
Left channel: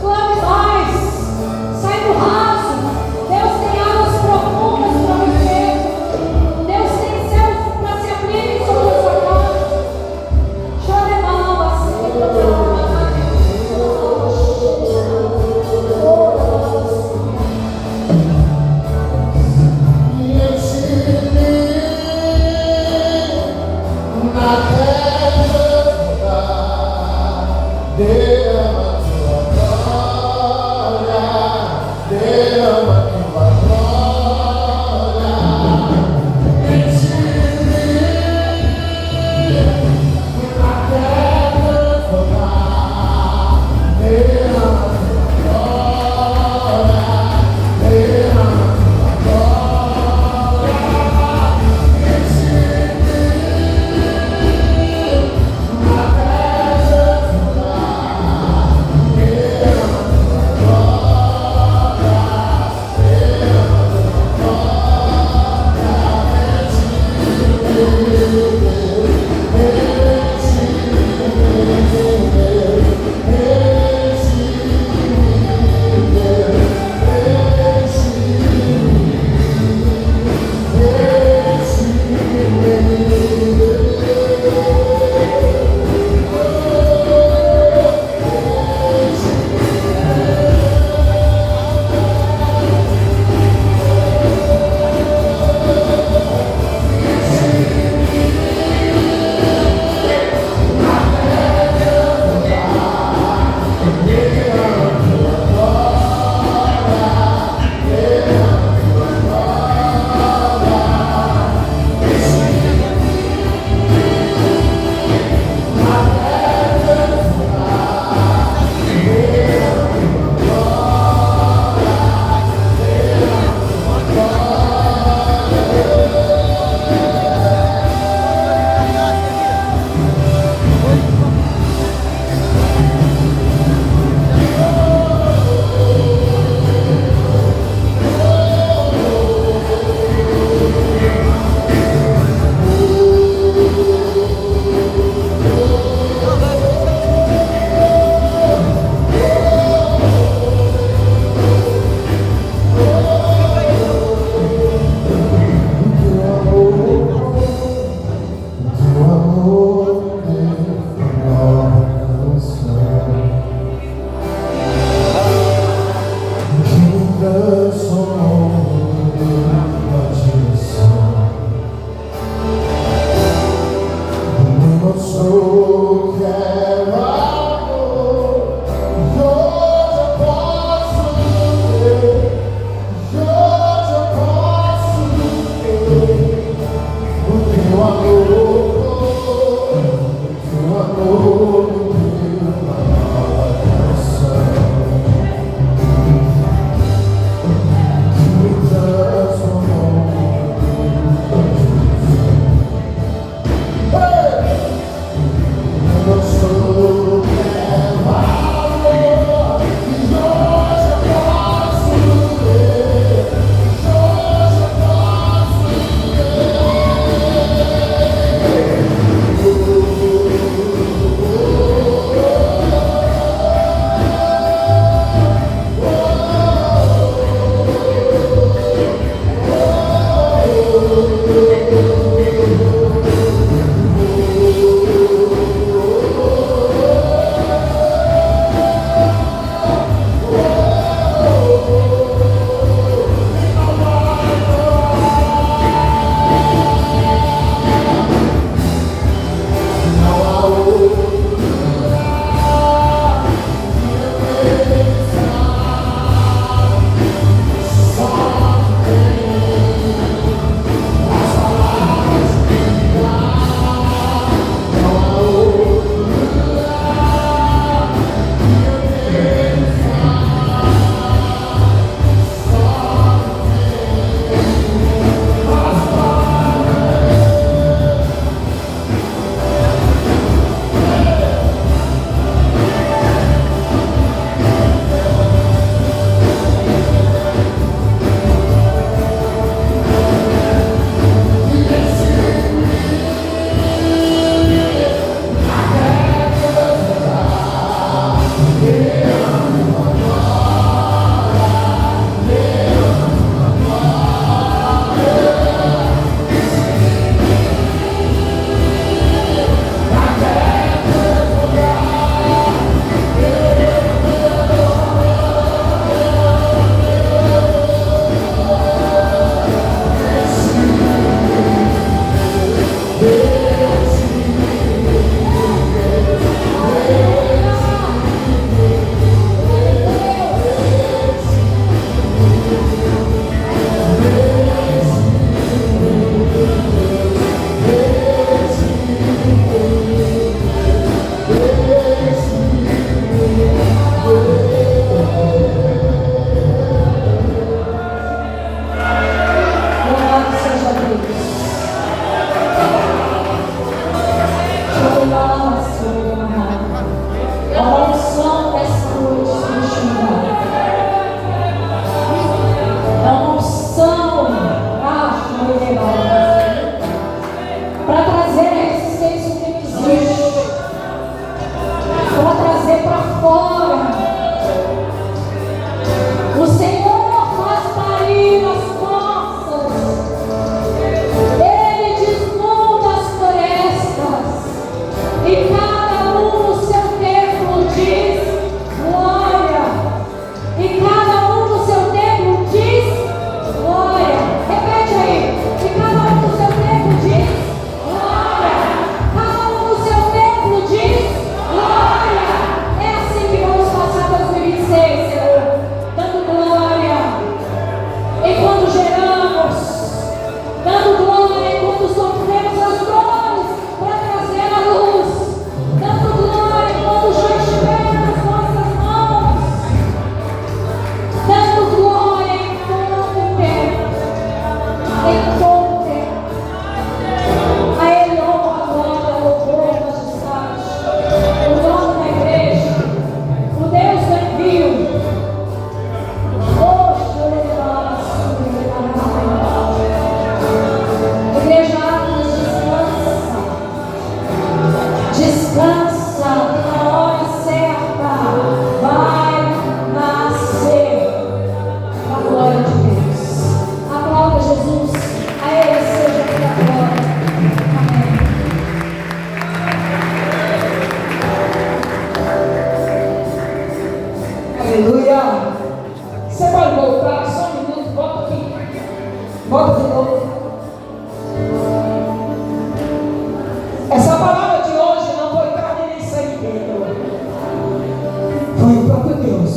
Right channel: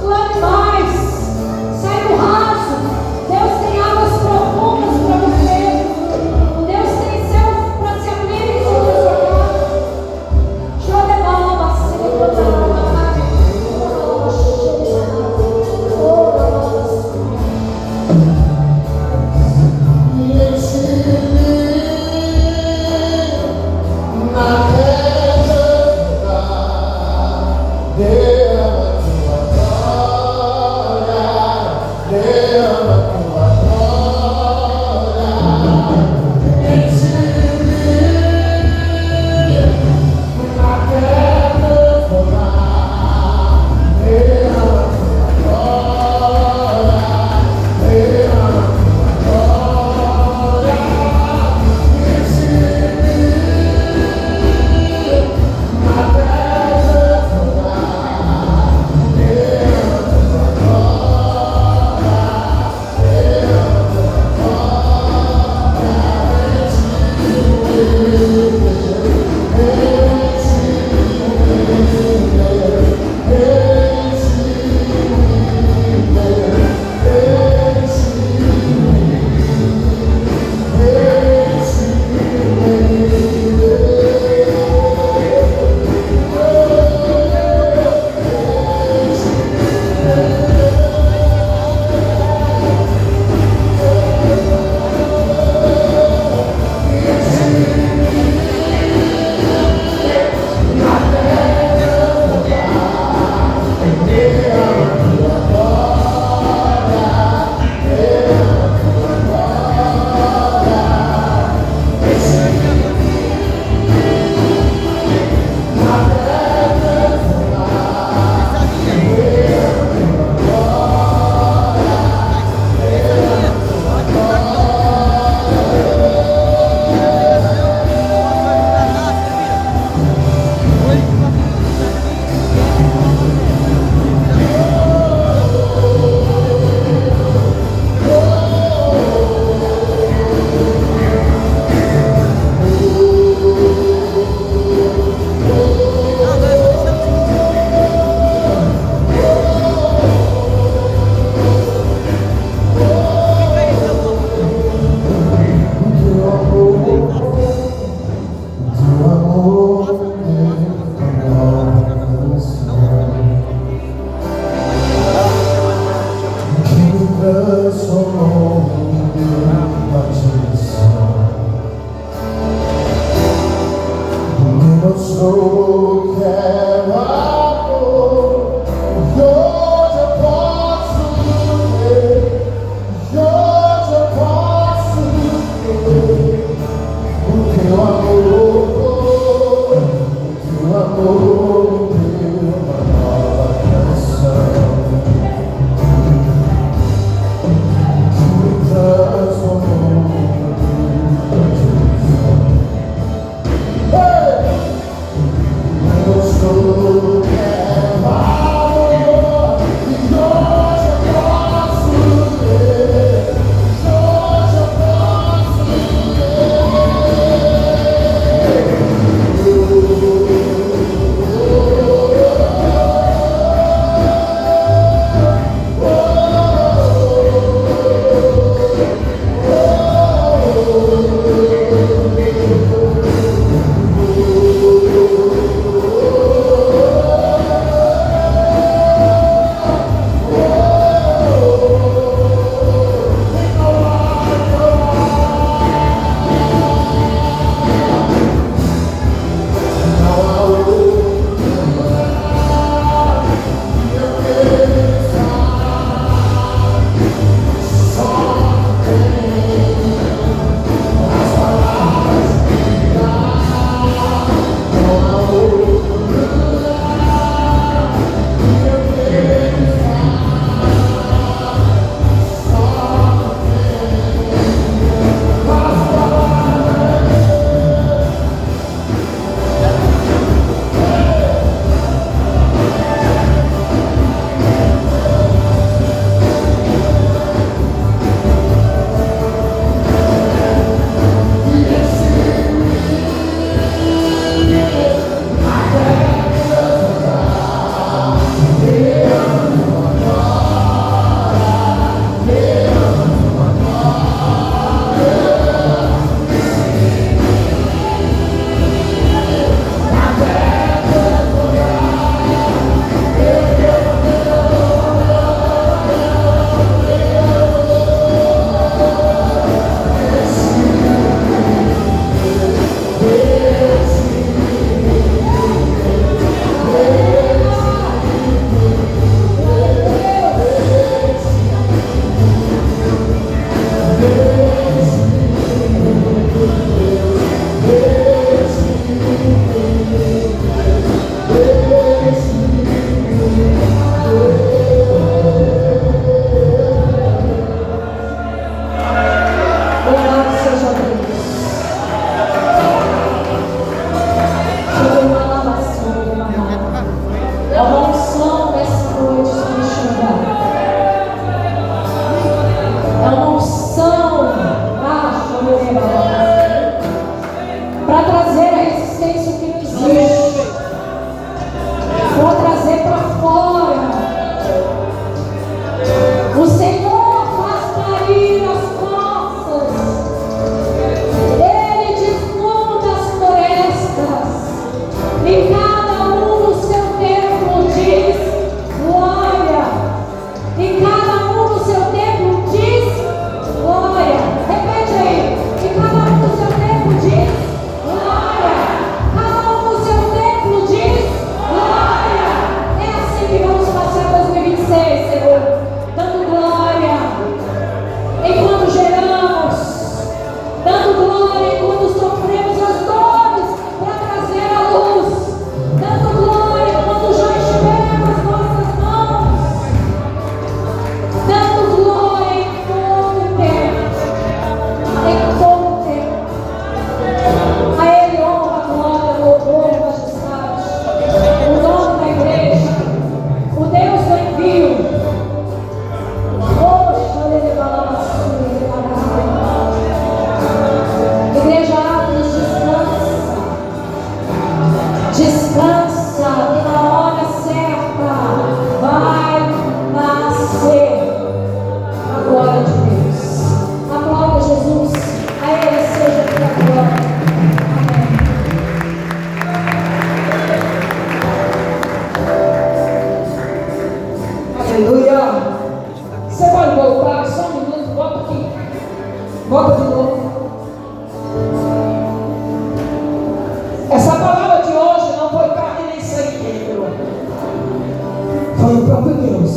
Clame mais. Sai do raso. Deus tem águas profundas para você. Deus tem céus para se abrirem sobre a sua casa. Chore a alma, Senhor. pode voltar, só um minuto, volta aqui. Volta de novo. Essa palavra de hoje não foi carne nem sangue, Pedro. Foi o próprio Deus.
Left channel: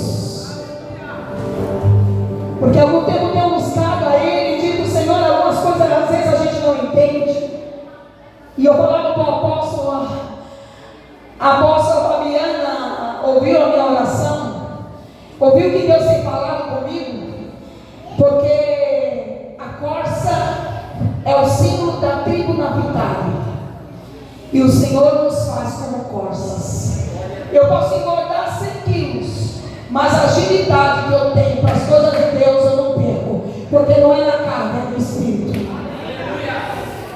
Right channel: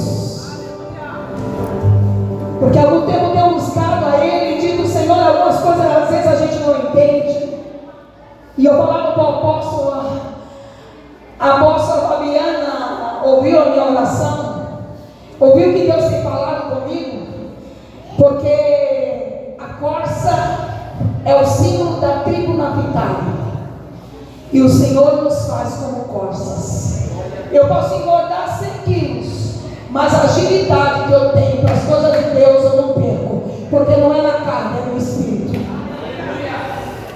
Porque há algum tempo tenho buscado a Ele e dito, Senhor, algumas coisas às vezes a gente não entende. E eu falava para o apóstolo, a apóstola Fabiana ouviu a minha oração, ouviu que Deus tem falado comigo, porque a corça é o símbolo da tribo Naphtali, e o Senhor nos faz como corças. Eu posso engordar 100 quilos, mas a agilidade que eu tenho para as coisas de Deus eu não perco, porque não é na carne, é no Espírito.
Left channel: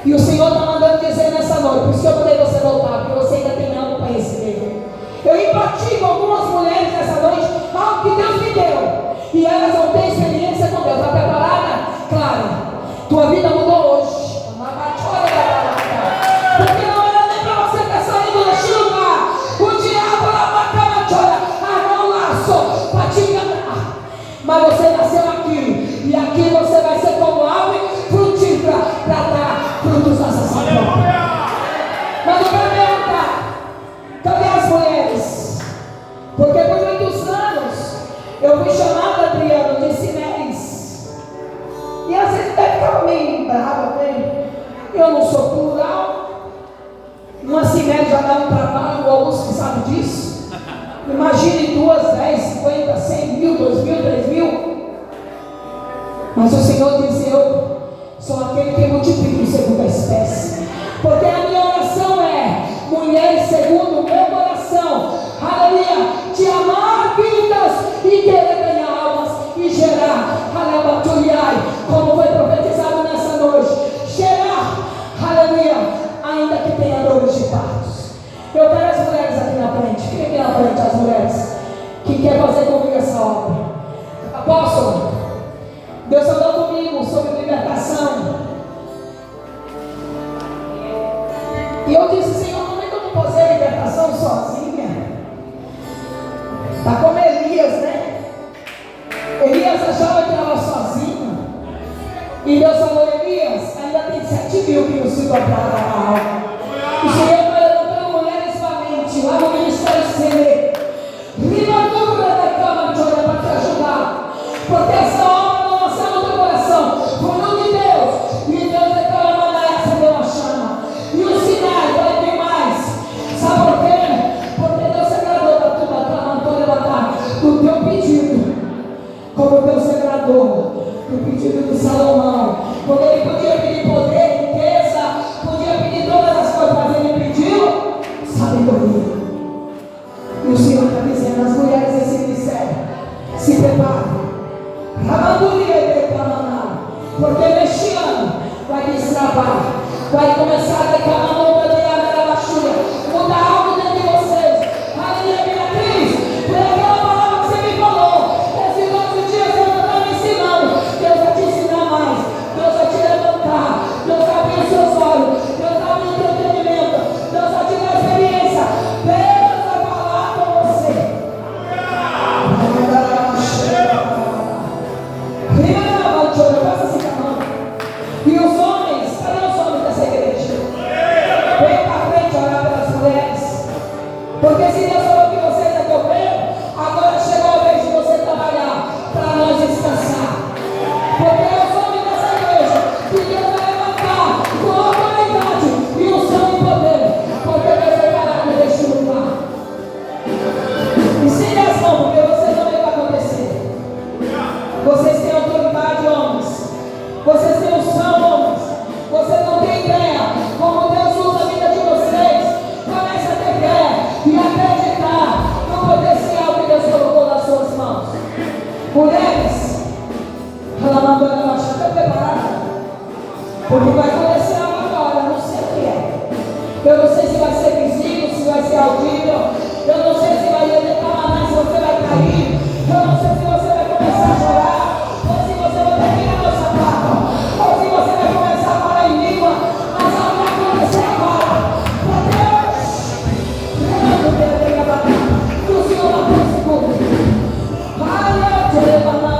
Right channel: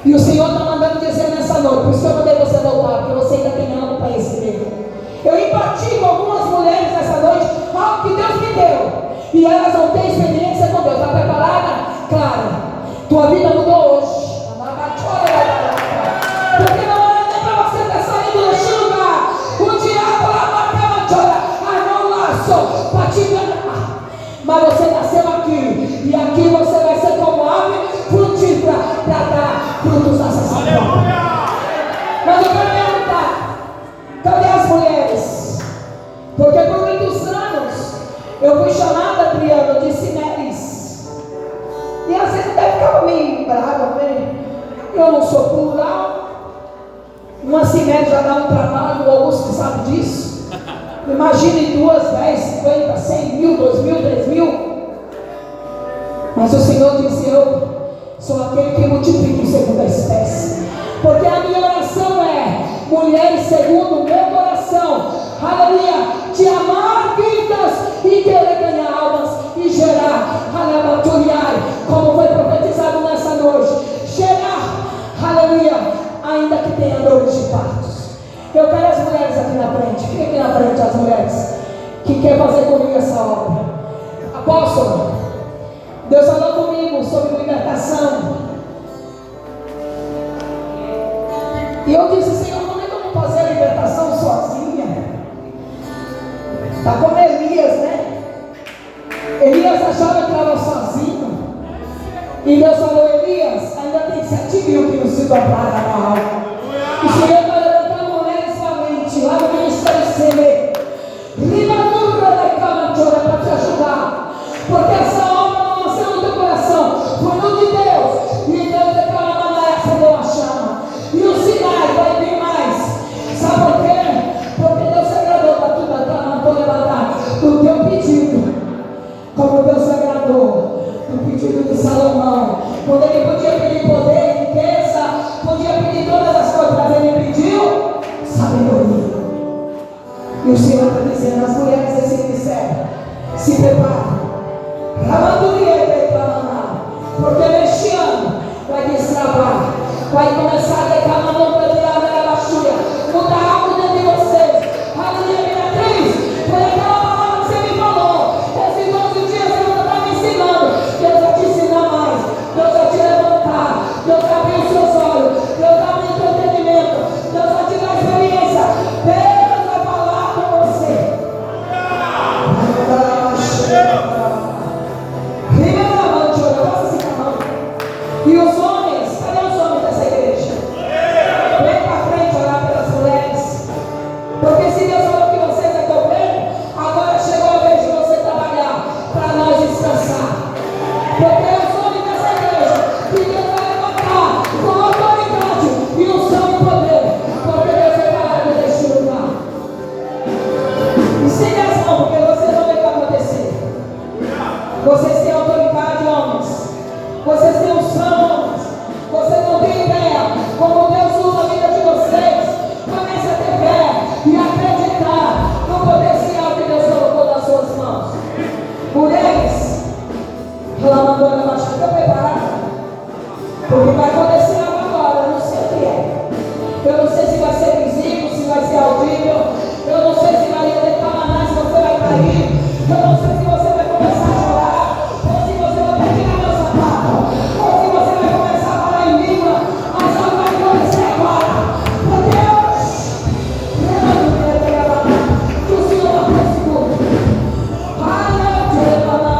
E o Senhor está mandando dizer nessa noite, por isso que eu mandei você voltar, porque você ainda tem algo para receber. Eu empati com algumas mulheres nessa noite, algo que Deus me deu, e elas não têm experiência com Deus. Está preparada? Claro. Tua vida mudou hoje. Porque não era nem para você estar saindo deste lugar. O diabo armou um laço para te enganar. Mas você nasceu aqui, e aqui você vai ser como árvore frutífera para dar frutos da sacerdote. Mas eu quero perguntar, cadê as mulheres? Porque por muitos anos eu fui chamada, Adriano, de Cineres. E às vezes até ficava meio brava, né? Eu não sou plural. Uma Cineres já dá um trabalho, o Augusto sabe disso. Imagine 2, 10, 50, 100 mil, 2 mil, 3 mil. Mas o Senhor disse, eu sou aquele que multiplica em segunda espécie. Porque a minha oração é, mulheres segundo o meu coração, aleluia, te amar vidas e querer ganhar almas e gerar, aleluia, como foi profetizado nessa noite, gerar, aleluia, ainda que tenha dores de partos. Eu quero as mulheres aqui na frente, fiquem aqui na frente as mulheres que querem fazer comigo essa obra. Apóstolo, Deus falou comigo sobre libertação. E eu disse, Senhor, como é que eu vou fazer a libertação sozinha? Está como Elias, né? Elias achava que estava sozinho. E Deus falou, Elias, ainda tem 7 mil que não se dobraram na alma. O Senhor está levantando mulheres valentes lá no Ministério Seme. Rimadura da Camatora para te ajudar. Porque essa obra não nasceu no teu coração. Foi no de Deus. E Deus declara mandar acender uma chama. E o Sinai vai vir mais. Sabe por quê? Porque Deus se agradou da tua Camatora levantar do teu pedido. Como Deus se agradou do pedido de Salomão. Quando ele podia pedir poder, riqueza, podia pedir todas as coisas, mas ele pediu sabedoria. E o Senhor está dizendo, as mulheres desse ministério, se preparem. Porque neste ano vai destravar, vai começar a declarar a baixura, mudar algo dentro de vocês. Aleluia, Beatriz, foi aquela palavra que você me falou. Esses 12 dias eu não estava me ensinando. Deus vai te ensinar mais, Deus vai te levantar, Deus vai abrir os seus olhos, Deus vai abrir o teu entendimento, Deus vai te dar experiência, Deus vai falar com você. E os homens, cadê os homens dessa igreja? Vem para frente orar pelas mulheres. Porque se Deus falou que vocês é governo, agora chegou a vez de você trabalhar para nós descansar. Porque os homens dessa igreja que Deus vai levantar com autoridade e unção e poder. Porque Deus vai parar neste lugar. Ensine as mãos, porque vocês não veem o que vai acontecer. Vocês têm autoridade, homens. Vocês têm unção, homens. Vocês não têm ideia como Deus usa a vida de vocês. Comece a ter fé e acreditar no potencial que Deus colocou nas suas mãos. Mulheres, ela mandou ela achar, está preparada? Porque vai acontecer algo agora, eu não sei o que é. Eu não sei se vai ser visível, se vai ser audível. Eu não sei se vai declamar, se você vai cair. Eu não sei se você vai começar a chorar. Ou se você vai pegar meu sapato. Ou se você vai começar a falar em língua. Mas algo vai acontecer agora. Meu Deus! Que o Senhor abençoe tudo. Aleluia!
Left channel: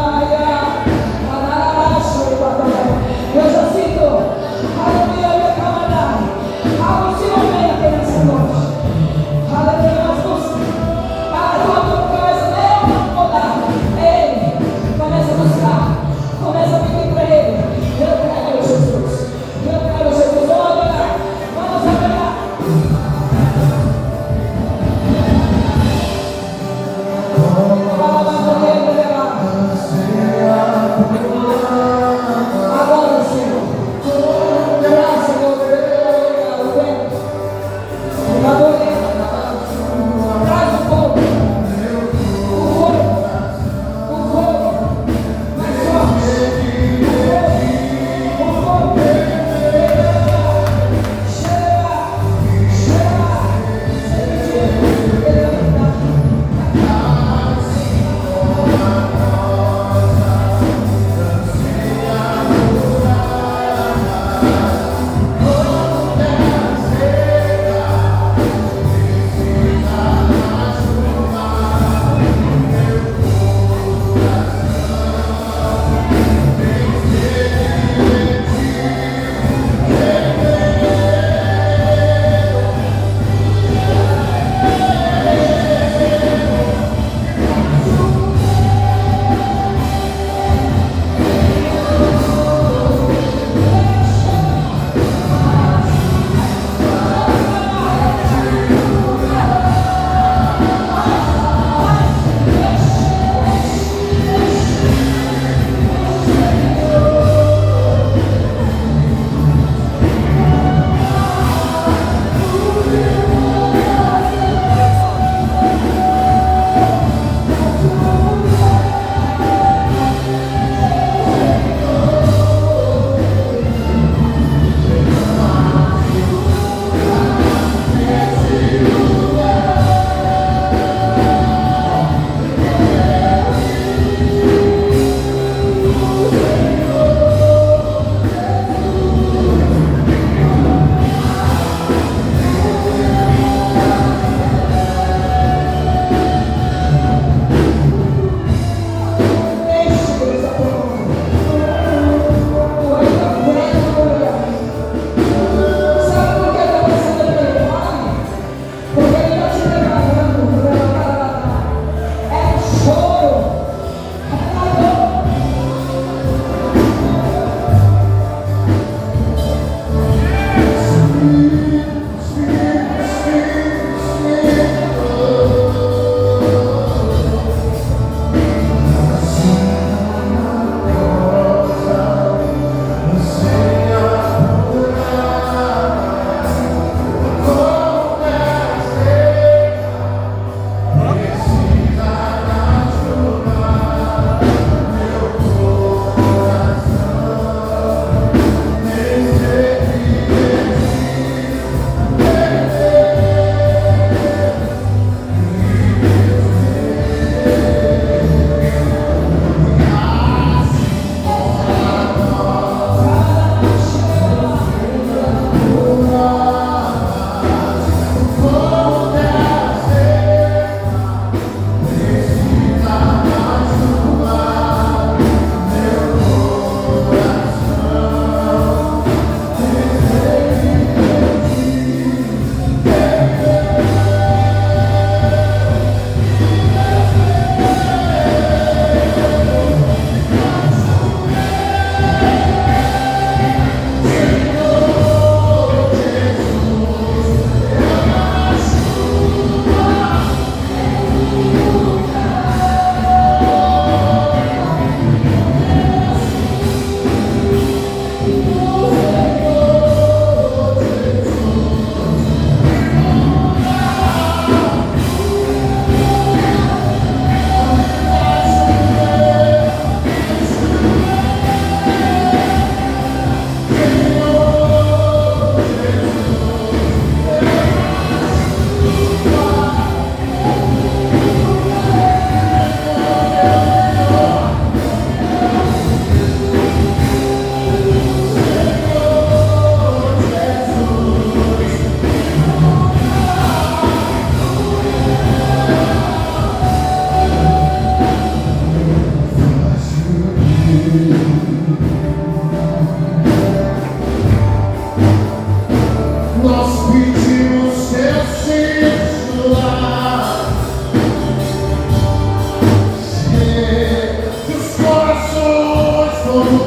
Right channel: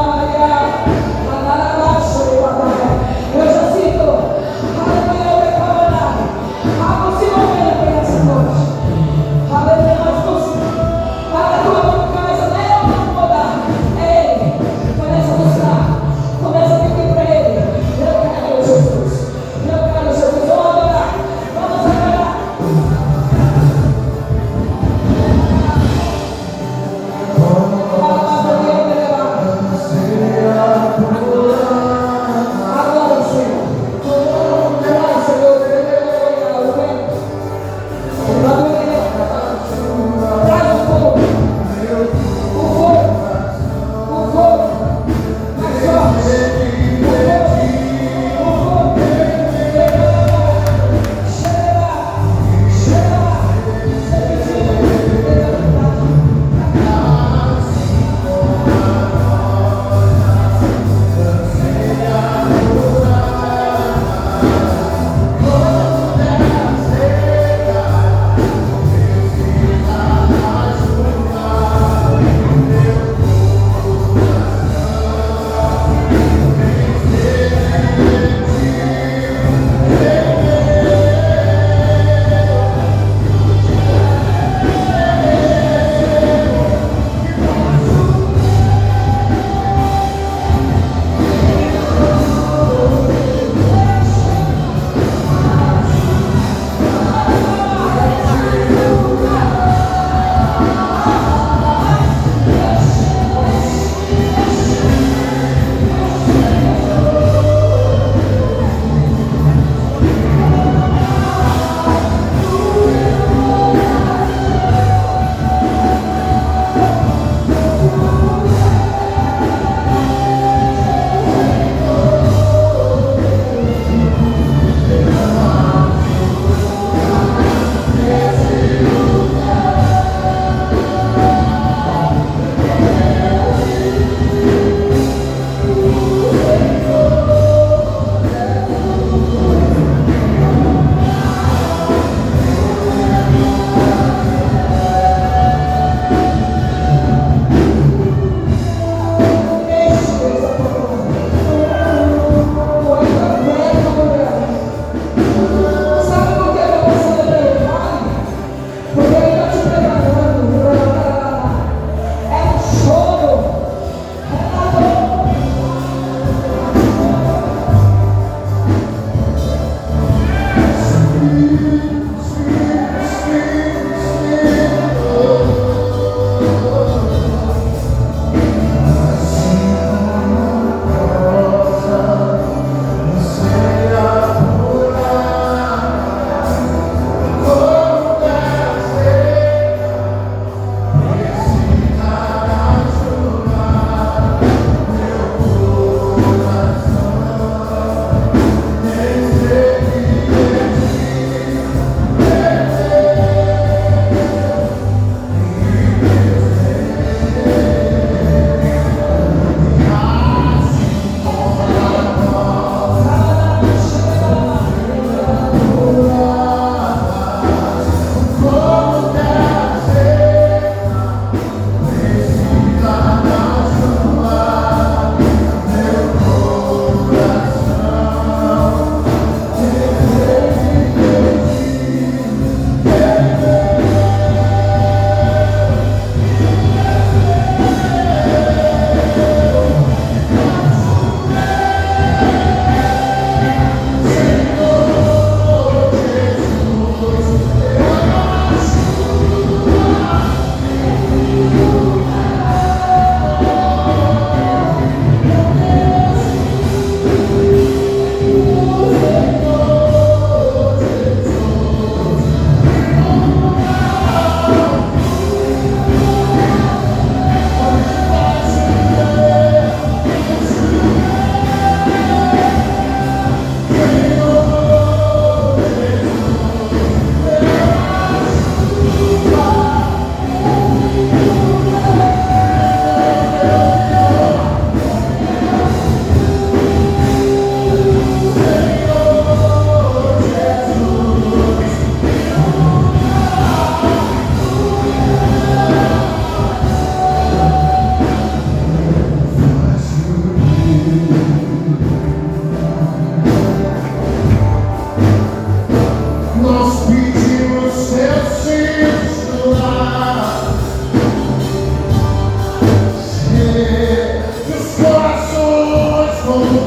Todo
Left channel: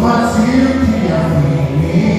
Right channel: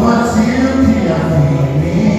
vazio que havia em mim